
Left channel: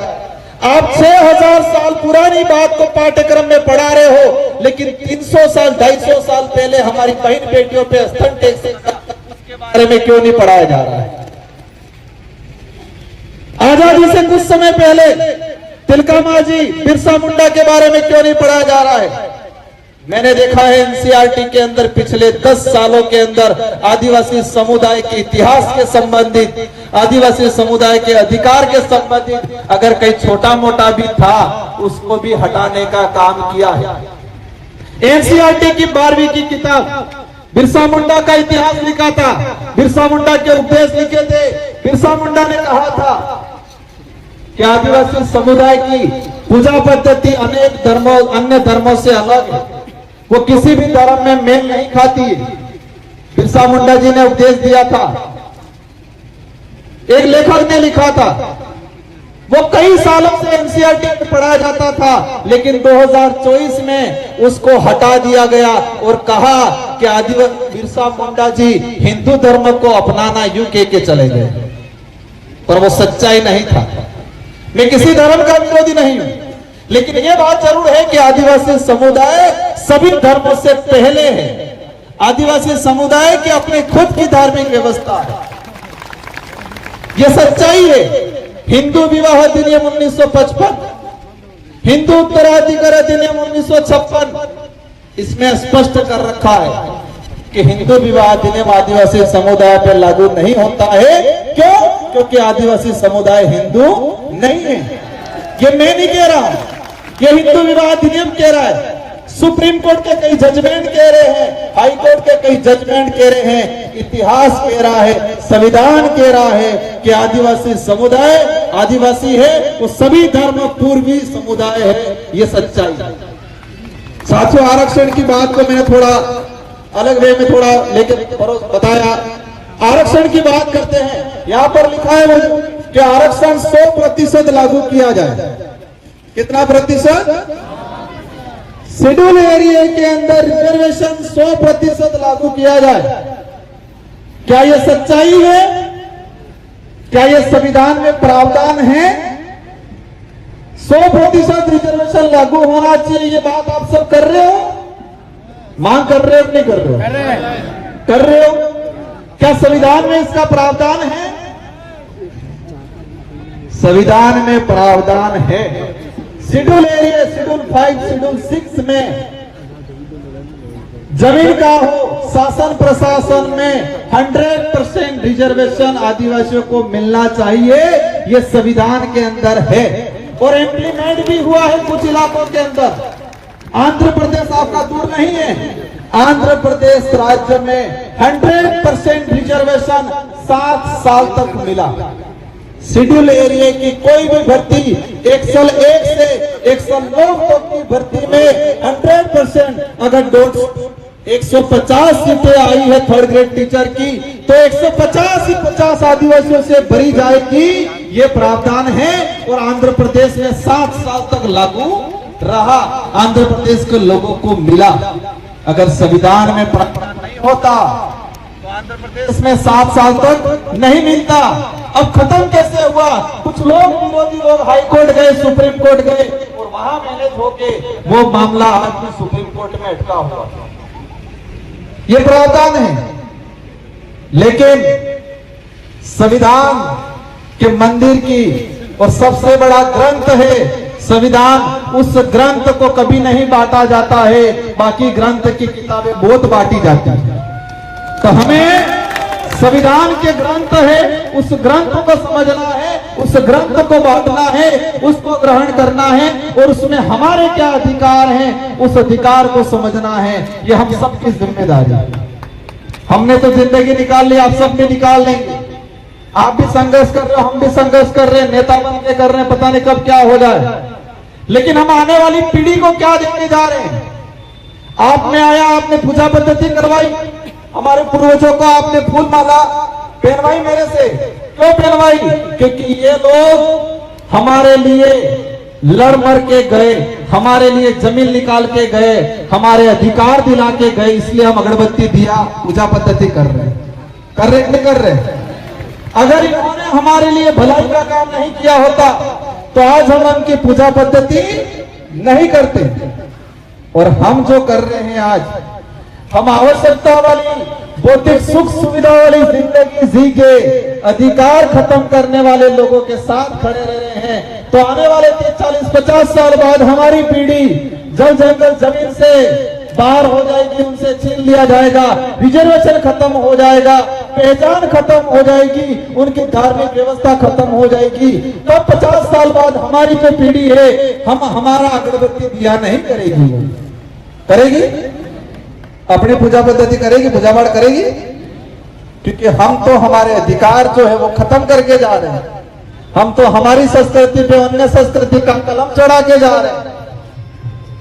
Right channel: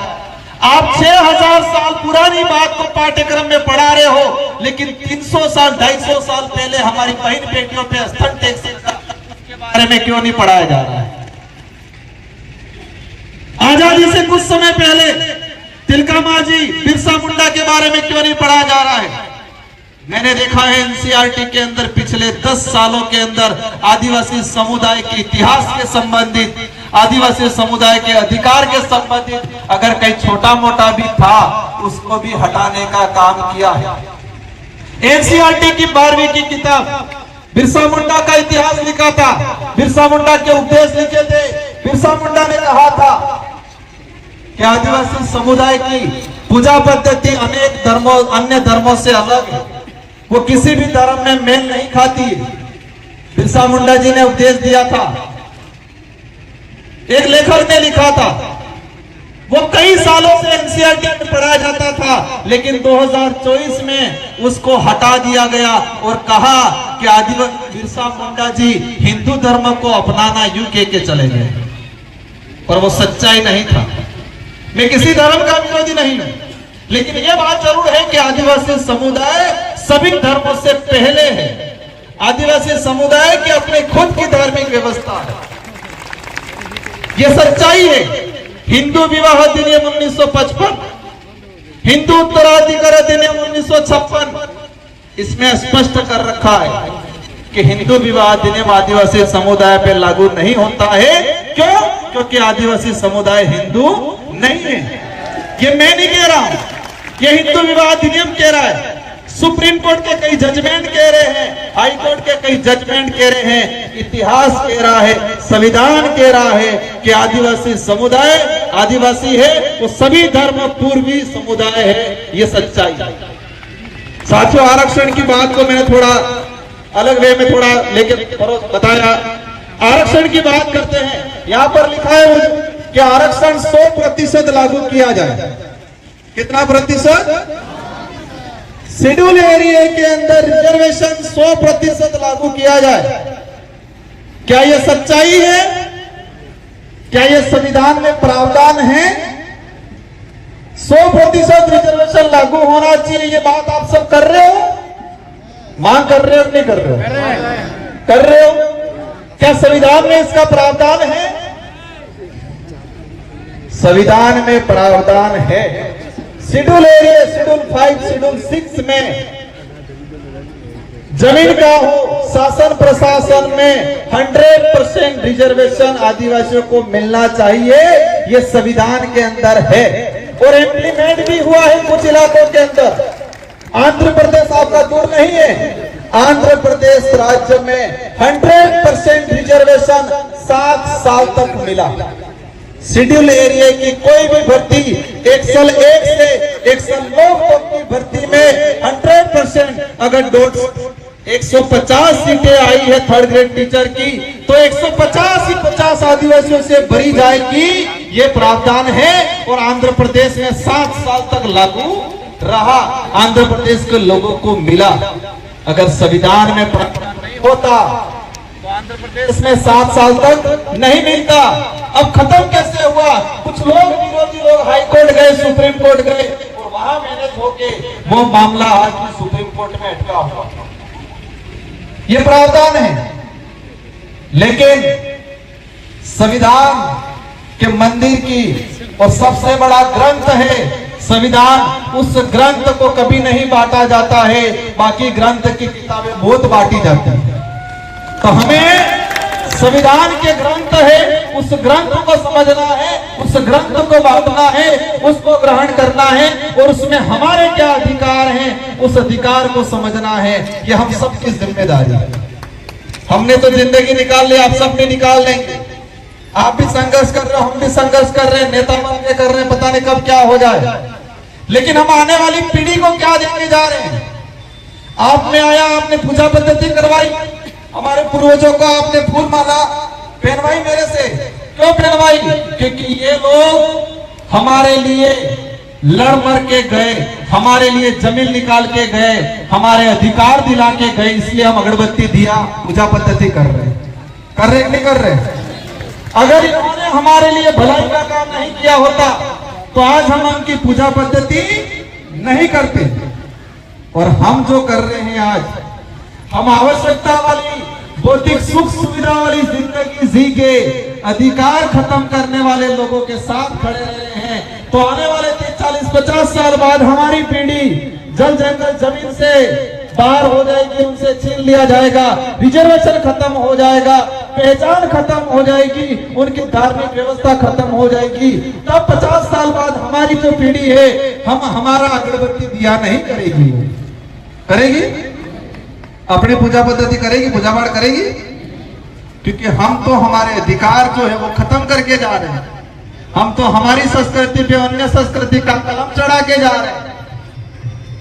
आप 6000 साल पुरानी बात को पाठ्यक्रम में पढ़ा रहे हो, लेकिन 300 साल 250 साल पहले हमारी बहन बेटियों पे स्तन टैक्स के बारे में क्यों नहीं पढ़ाया जा रहा है? आजादी से कुछ समय पहले तिलका मांझी, बिरसा मुंडा के बारे में क्यों नहीं पढ़ाया जा रहा है? मैंने देखा है एनसीईआरटी के अंदर पिछले 10 सालों के अंदर आदिवासी समुदाय के इतिहास के संबंधित, आदिवासी समुदाय के अधिकार के संबंधित अगर कहीं छोटा मोटा भी था उसको भी हटाने का काम किया है। एनसीईआरटी की 12वीं की किताब बिरसा मुंडा का इतिहास लिखा था, बिरसा मुंडा के उपदेश लिखे थे। बिरसा मुंडा ने कहा था कि आदिवासी समुदाय की पूजा पद्धति अनेक धर्मों, अन्य धर्मों से अलग है, वो किसी भी धर्म में मेल नहीं खाती। बिरसा मुंडा जी ने उपदेश दिया था। एक लेखक ने लिखा था, वो कई सालों से एनसीईआरटी में पढ़ाया जाता था, लेकिन 2024 में उसको हटा दिया गया और कहा कि आदिवासी बिरसा मुंडा जी हिंदू धर्म को अपनाना यूके के चले गए, पर वो सच्चाई नहीं था। मैं किसी धर्म का विरोधी नहीं हूं, लेकिन ये बात जरूर है कि आदिवासी समुदाय सभी धर्मों से पहले है। आदिवासी समुदाय की अपनी खुद की धार्मिक व्यवस्था है। यह सच्चाई है। हिंदू विवाह अधिनियम 1955, हिंदू उत्तराधिकार अधिनियम 1956 इसमें स्पष्ट कर रखा है कि हिंदू विवाह अधिनियम आदिवासी समुदाय पर लागू नहीं होता है। क्यों? क्योंकि आदिवासी समुदाय हिंदू नहीं है। ये मैं नहीं कह रहा हूं, ये हिंदू विवाह अधिनियम कह रहा है। सुप्रीम कोर्ट के कई जजमेंट कह रहे हैं, हाई कोर्ट के कई जजमेंट कह रहे हैं, इतिहास कह रहा है, संविधान कह रहा है कि आदिवासी समुदाय आदिवासी है, वो सभी धर्म पूर्वी समुदाय है। ये सच्चाई है। साथियों, आरक्षण की बात को मैंने थोड़ा अलग वे में थोड़ा लेके बताया। आरक्षण की बात करते हैं। यहां पर लिखा है कि आरक्षण 100% लागू किया जाए। कितना प्रतिशत? शेड्यूल एरिया के अंदर रिजर्वेशन 100% लागू किया जाए। क्या यह सच्चाई है? क्या यह संविधान में प्रावधान है? 100% रिजर्वेशन लागू होना चाहिए। ये बात आप सब कर रहे हो? मांग कर रहे हो? नहीं कर रहे हो? कर रहे हो? क्या संविधान में इसका प्रावधान है? संविधान में प्रावधान है। शेड्यूल एरिया, शेड्यूल 5, शेड्यूल 6 में जमीन का हो, शासन प्रशासन में 100% रिजर्वेशन आदिवासियों को मिलना चाहिए। यह संविधान के अंदर है और इम्प्लीमेंट भी हुआ है कुछ इलाकों के अंदर। आंध्र प्रदेश आपका दूर नहीं है। आंध्र प्रदेश राज्य में 100% रिजर्वेशन 7 साल तक मिला। शेड्यूल एरिया की कोई भी भर्ती एक्सल 1 से एक्सल 9 तक की भर्ती में 100% अगर 150 सीटें आई है थर्ड ग्रेड टीचर की, तो 150 ही 50 आदिवासियों से भरी जाएगी। ये प्रावधान है और आंध्र प्रदेश में 7 साल तक लागू रहा। आंध्र प्रदेश के लोगों को मिला। अगर संविधान में प्रावधान नहीं होता तो आंध्र प्रदेश में 7 साल तक नहीं मिलता। अब खत्म कैसे हुआ? कुछ लोग, विरोधी लोग हाई कोर्ट गए, सुप्रीम कोर्ट गए और वहां मैनेज होके वो मामला आज भी सुप्रीम कोर्ट में अटका हुआ। ये प्रावधान है। लेकिन संविधान के मंदिर की और सबसे बड़ा ग्रंथ है संविधान। उस ग्रंथ को कभी नहीं बांटा जाता है। बाकी ग्रंथ की किताबें बहुत बांटी जाती है। तो हमें संविधान के ग्रंथ है, उस ग्रंथ को समझना है, उस ग्रंथ को बांटना है, उसको ग्रहण करना है और उसमें हमारे क्या अधिकार हैं, उस अधिकार को समझना है। यह हम सबकी जिम्मेदारी है। हमने तो जिंदगी निकाल ली, आप सब भी निकाल लेंगे। आप भी संघर्ष कर रहे हो, हम भी संघर्ष कर रहे हैं, नेता बन के कर रहे हैं, पता नहीं कब क्या हो जाए। लेकिन हम आने वाली पीढ़ी को क्या देने जा रहे हैं? आपने आया, आपने पूजा पद्धति करवाई, हमारे पूर्वजों को आपने फूल माला पहनवाई मेरे से। क्यों पहनवाई? क्योंकि ये लोग हमारे लिए लड़ मर के गए, हमारे लिए जमीन निकाल के गए, हमारे अधिकार दिला के गए। इसलिए हम अगरबत्ती दिया पूजा पद्धति कर रहे हैं, नहीं कर रहे? अगर इन्होंने हमारे लिए भलाई का काम नहीं किया होता तो आज हम उनकी पूजा पद्धति नहीं करते। और हम जो कर रहे हैं आज, हम आवश्यकता वाली भौतिक सुख सुविधा वाली जिंदगी जी के अधिकार खत्म करने वाले लोगों के साथ खड़े रहे हैं। तो आने वाले 40-50 साल बाद हमारी पीढ़ी जल जंगल जमीन से बाहर हो जाएगी, उनसे छीन लिया जाएगा, रिजर्वेशन खत्म हो जाएगा, पहचान खत्म हो जाएगी, उनकी धार्मिक व्यवस्था खत्म हो जाएगी। तब 50 साल बाद हमारी जो पीढ़ी है, हम हमारा अगरबत्ती दिया नहीं करेगी। करेगी? अपनी पूजा पद्धति करेगी, पूजा पाठ करेगी? क्योंकि हम तो हमारे अधिकार जो है वो खत्म करके जा रहे हैं। हम तो हमारी संस्कृति पे अन्य संस्कृति का कलम चढ़ा के जा रहे हैं।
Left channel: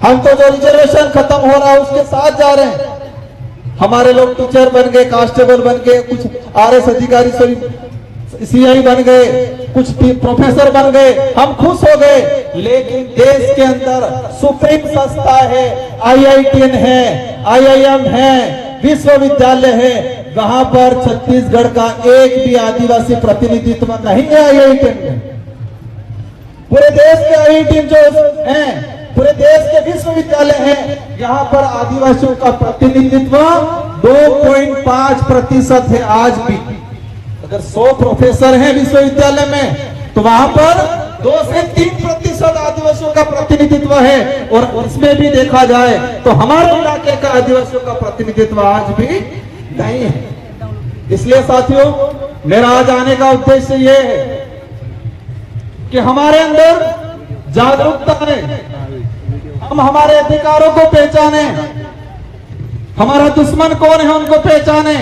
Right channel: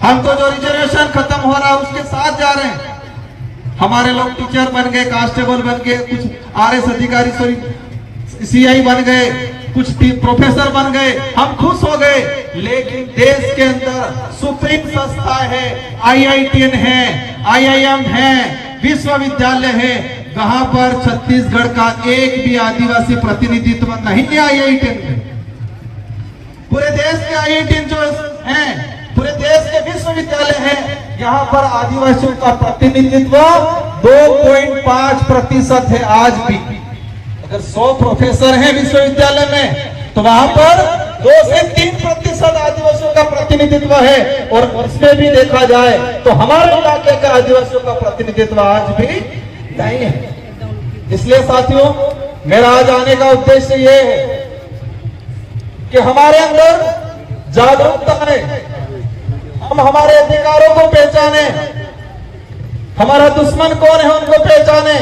हम तो जो रिजर्वेशन खत्म हो रहा है उसके साथ जा रहे हैं। हमारे लोग टीचर बन गए, कांस्टेबल बन गए, कुछ आरएस अधिकारी, सीआई बन गए, कुछ प्रोफेसर बन गए, हम खुश हो गए। लेकिन देश के अंदर सुप्रीम संस्था है, IITN है, IIM है, विश्वविद्यालय है, वहां पर छत्तीसगढ़ का एक भी आदिवासी प्रतिनिधित्व नहीं है IITN में। पूरे देश के IITN जो हैं, पूरे देश के विश्वविद्यालय हैं, यहाँ पर आदिवासियों का प्रतिनिधित्व 2.5% है आज भी। अगर 100 प्रोफेसर हैं विश्वविद्यालय में तो वहां पर 2 से 3% आदिवासियों का प्रतिनिधित्व है, और उसमें भी देखा जाए तो हमारे इलाके का आदिवासियों का प्रतिनिधित्व आज भी नहीं है। इसलिए साथियों, मेरा आज आने का उद्देश्य ये है कि हमारे अंदर जागरूकता है, हम हमारे अधिकारों को पहचाने, हमारा दुश्मन कौन है उनको पहचाने,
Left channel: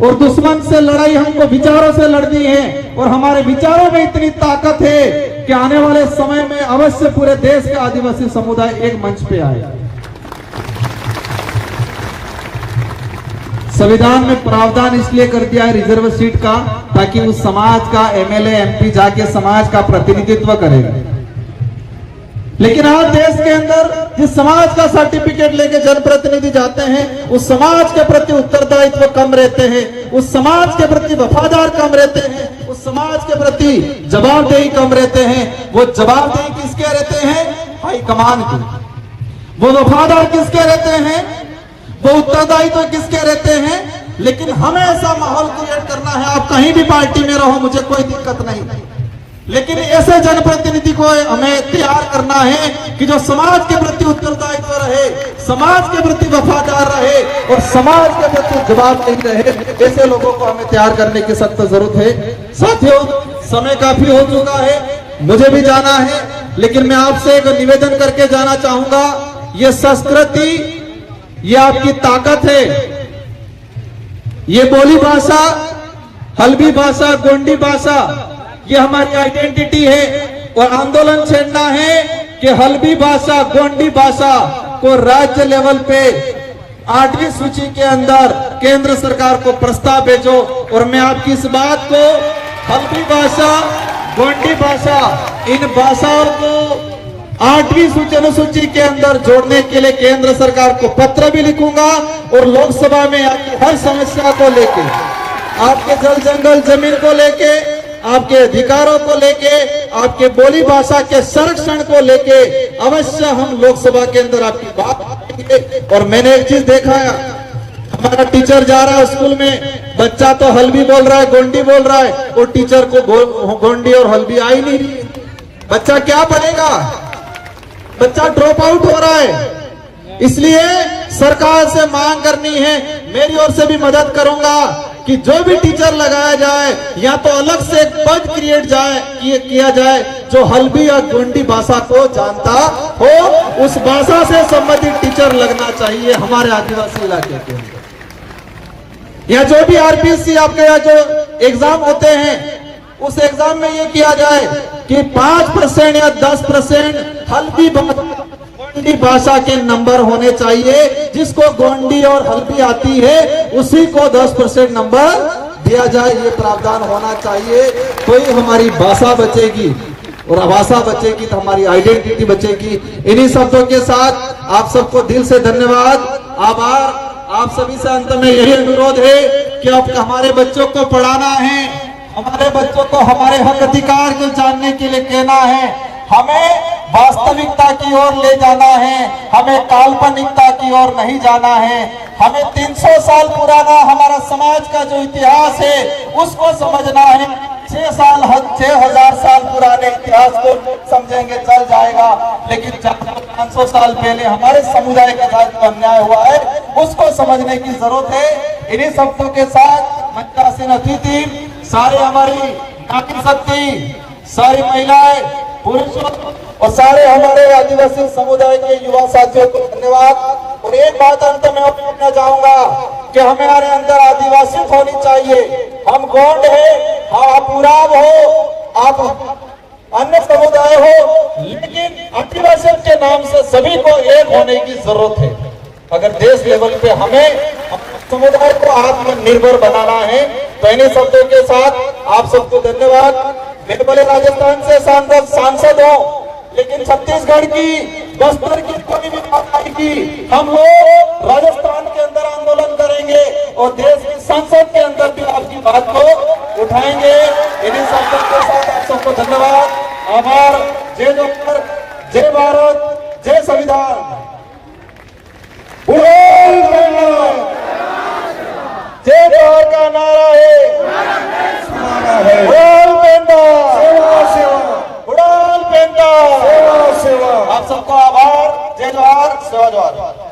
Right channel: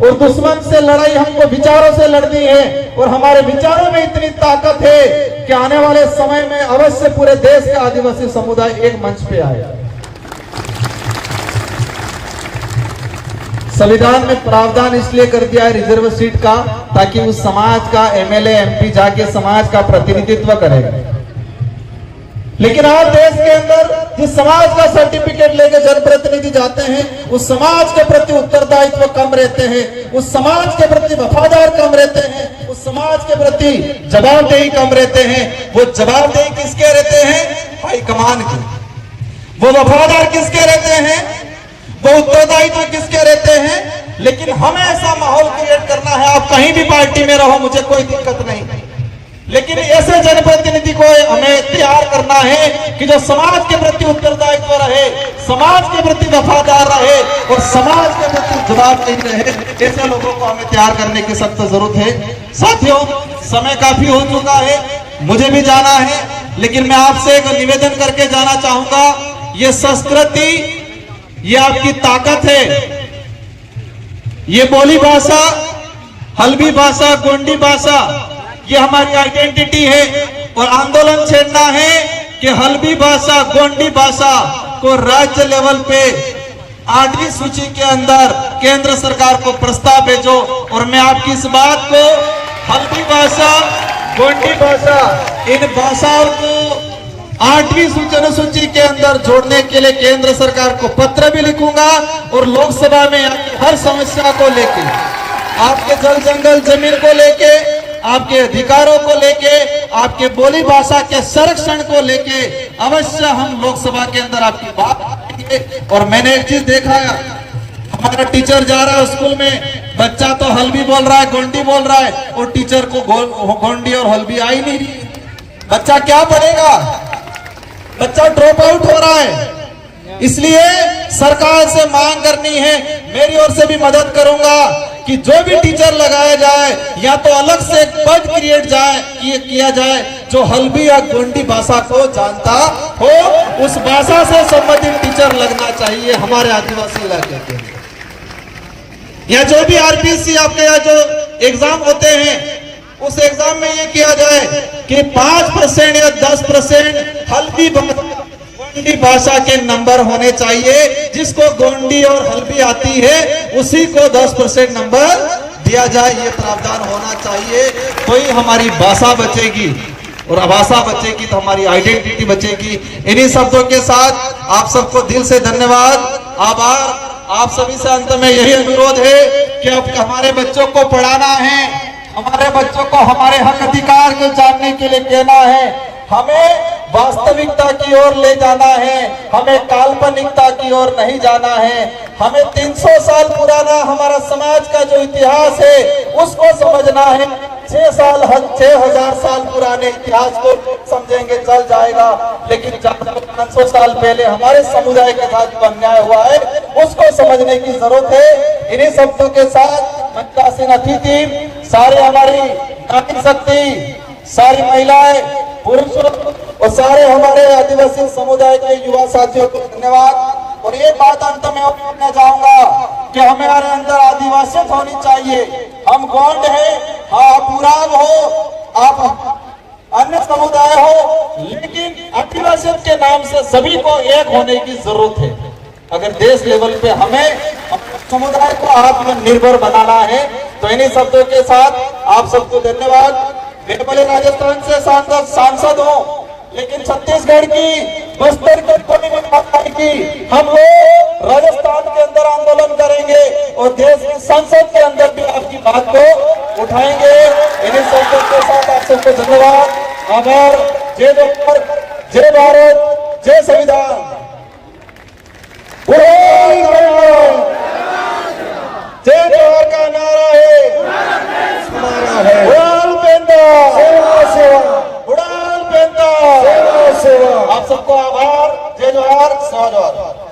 और दुश्मन से लड़ाई हमको विचारों से लड़नी है, और हमारे विचारों में इतनी ताकत है कि आने वाले समय में अवश्य पूरे देश का आदिवासी समुदाय एक मंच पे आए। संविधान में प्रावधान इसलिए कर दिया है रिजर्व सीट का, ताकि उस समाज का एमएलए एमपी जाके समाज का प्रतिनिधित्व करे। लेकिन आज देश के अंदर जिस समाज का सर्टिफिकेट लेके जनप्रतिनिधि जाते हैं, उस समाज के प्रति उत्तरदायित्व कम रहते हैं, उस समाज के प्रति वफादार कम रहते हैं, उस समाज के प्रति जवाबदेही कम रहते हैं। वो जवाबदेही किसके रहते हैं? हाईकमान की। वो वफादार किसके रहते हैं? वो उत्तरदायित्व किसके रहते हैं? लेकिन हमें ऐसा माहौल क्रिएट करना है, आप कहीं भी पार्टी में रहो, मुझे कोई दिक्कत नहीं, लेकिन ऐसे जनप्रतिनिधि को हमें तैयार करना है कि जो समाज के प्रति उत्तरदायित्व रहे, समाज के प्रति वफादार रहे और समाज के प्रति जवाबदेह रहे। ऐसे लोगों को हमें तैयार करने की सख्त जरूरत है। साथियों, समय काफी हो चुका है, मुझे भी जाना है, लेकिन मैं आपसे एक निवेदन करके जाना चाहूंगा। ये संस्कृति, ये आपकी ताकत है, ये बोली भाषा, हल्बी भाषा, गोंडी भाषा, ये हमारी आइडेंटिटी है। और आंदोलन छेड़ना है कि हल्बी भाषा, गोंडी भाषा को राज्य लेवल पे 8वीं सूची के अंदर केंद्र सरकार को प्रस्ताव भेजो। और मैं आपकी इस बात को, हल्बी भाषा, गोंडी भाषा, इन भाषाओं को 8वीं सूची के अंदर जोड़ने के लिए केंद्र सरकार को पत्र भी लिखूंगा, और लोकसभा में हर समस्या को लेके, आपके जल जंगल जमीन को लेके, आपके अधिकारों को लेके, आपके बोली भाषा के संरक्षण को लेके अवश्य हम लोकसभा के अंदर आपकी बात करेंगे। और मैंने एक चीज देखा है, हमारा टीचर जा रहा है स्कूल में, बच्चा तो हल्बी बोल रहा है, गोंडी बोल रहा है, और टीचर को गोंडी और हल्बी आ ही नहीं रही। बच्चा क्या पढ़ेगा? बच्चा ड्रॉप आउट हो रहा है। इसलिए सरकार से मांग करनी है, मेरी ओर से भी मदद करूंगा कि जो भी टीचर लगाया जाए, या तो अलग से एक पद क्रिएट किया जाए जो हल्बी या गोंडी भाषा को जानता हो, उस भाषा से संबंधित टीचर लगना चाहिए हमारे आदिवासी इलाके के। या जो भी आरपीसी आपके यहाँ जो एग्जाम होते हैं, उस एग्जाम में ये किया जाए कि 5% या 10% हल्बी गोंडी भाषा के नंबर होने चाहिए। जिसको गोंडी और हल्बी आती है उसी को 10% नंबर दिया जाए, ये प्रावधान होना चाहिए। तो ही हमारी भाषा बचेगी, और भाषा बचेगी तो हमारी आइडेंटिटी बचेगी। इन्हीं शब्दों के साथ आप सबको दिल से धन्यवाद, आभार। आप सभी से अंत में यही अनुरोध है कि अब हमारे बच्चों को पढ़ाना है, हमारे बच्चों को हमारे हक अधिकार को जानने के लिए कहना है, हमें वास्तविकता की ओर ले जाना है, हमें काल्पनिकता की ओर नहीं जाना है। हमें 300 साल पुराना हमारा समाज का जो इतिहास है उसको समझना है। 6,000 साल पुराने इतिहास को समझेंगे चल जाएगा, लेकिन 500 साल पहले हमारे समुदाय के साथ जो अन्याय हुआ है उसको समझने की जरूरत है। इन्हीं शब्दों के साथ मंचासीन अतिथि, सारे हमारी नारी शक्ति, सारी महिलाएं, पुरुषों और सारे हमारे आदिवासी समुदाय के युवा साथियों को धन्यवाद। और एक बात अंत में मैं कहना चाहूंगा कि हमारे अंदर आदिवासियत होनी चाहिए। हम गोंड है, हाँ आप उराव हो, आप अन्य समुदाय हो, लेकिन आदिवासियत के नाम से सभी को एक होने की जरूरत है। अगर देश लेवल पे हमें समुदाय को आत्मनिर्भर बनाना है तो इन्हीं शब्दों के साथ आप सबको धन्यवाद। मेरे बड़े राजस्थान से सांसद हो, लेकिन छत्तीसगढ़ की, बस्तर की कोई भी बात आएगी, हम लोग राजस्थान के अंदर आंदोलन करेंगे और देश की संसद के अंदर भी आपकी बात को उठाएंगे। इन्हीं शब्दों के साथ आप सबको धन्यवाद, आभार। जय जवाहर, जय भारत, जय संविधान। आप सबको आभार। जय जोहार, सेवा जोहार।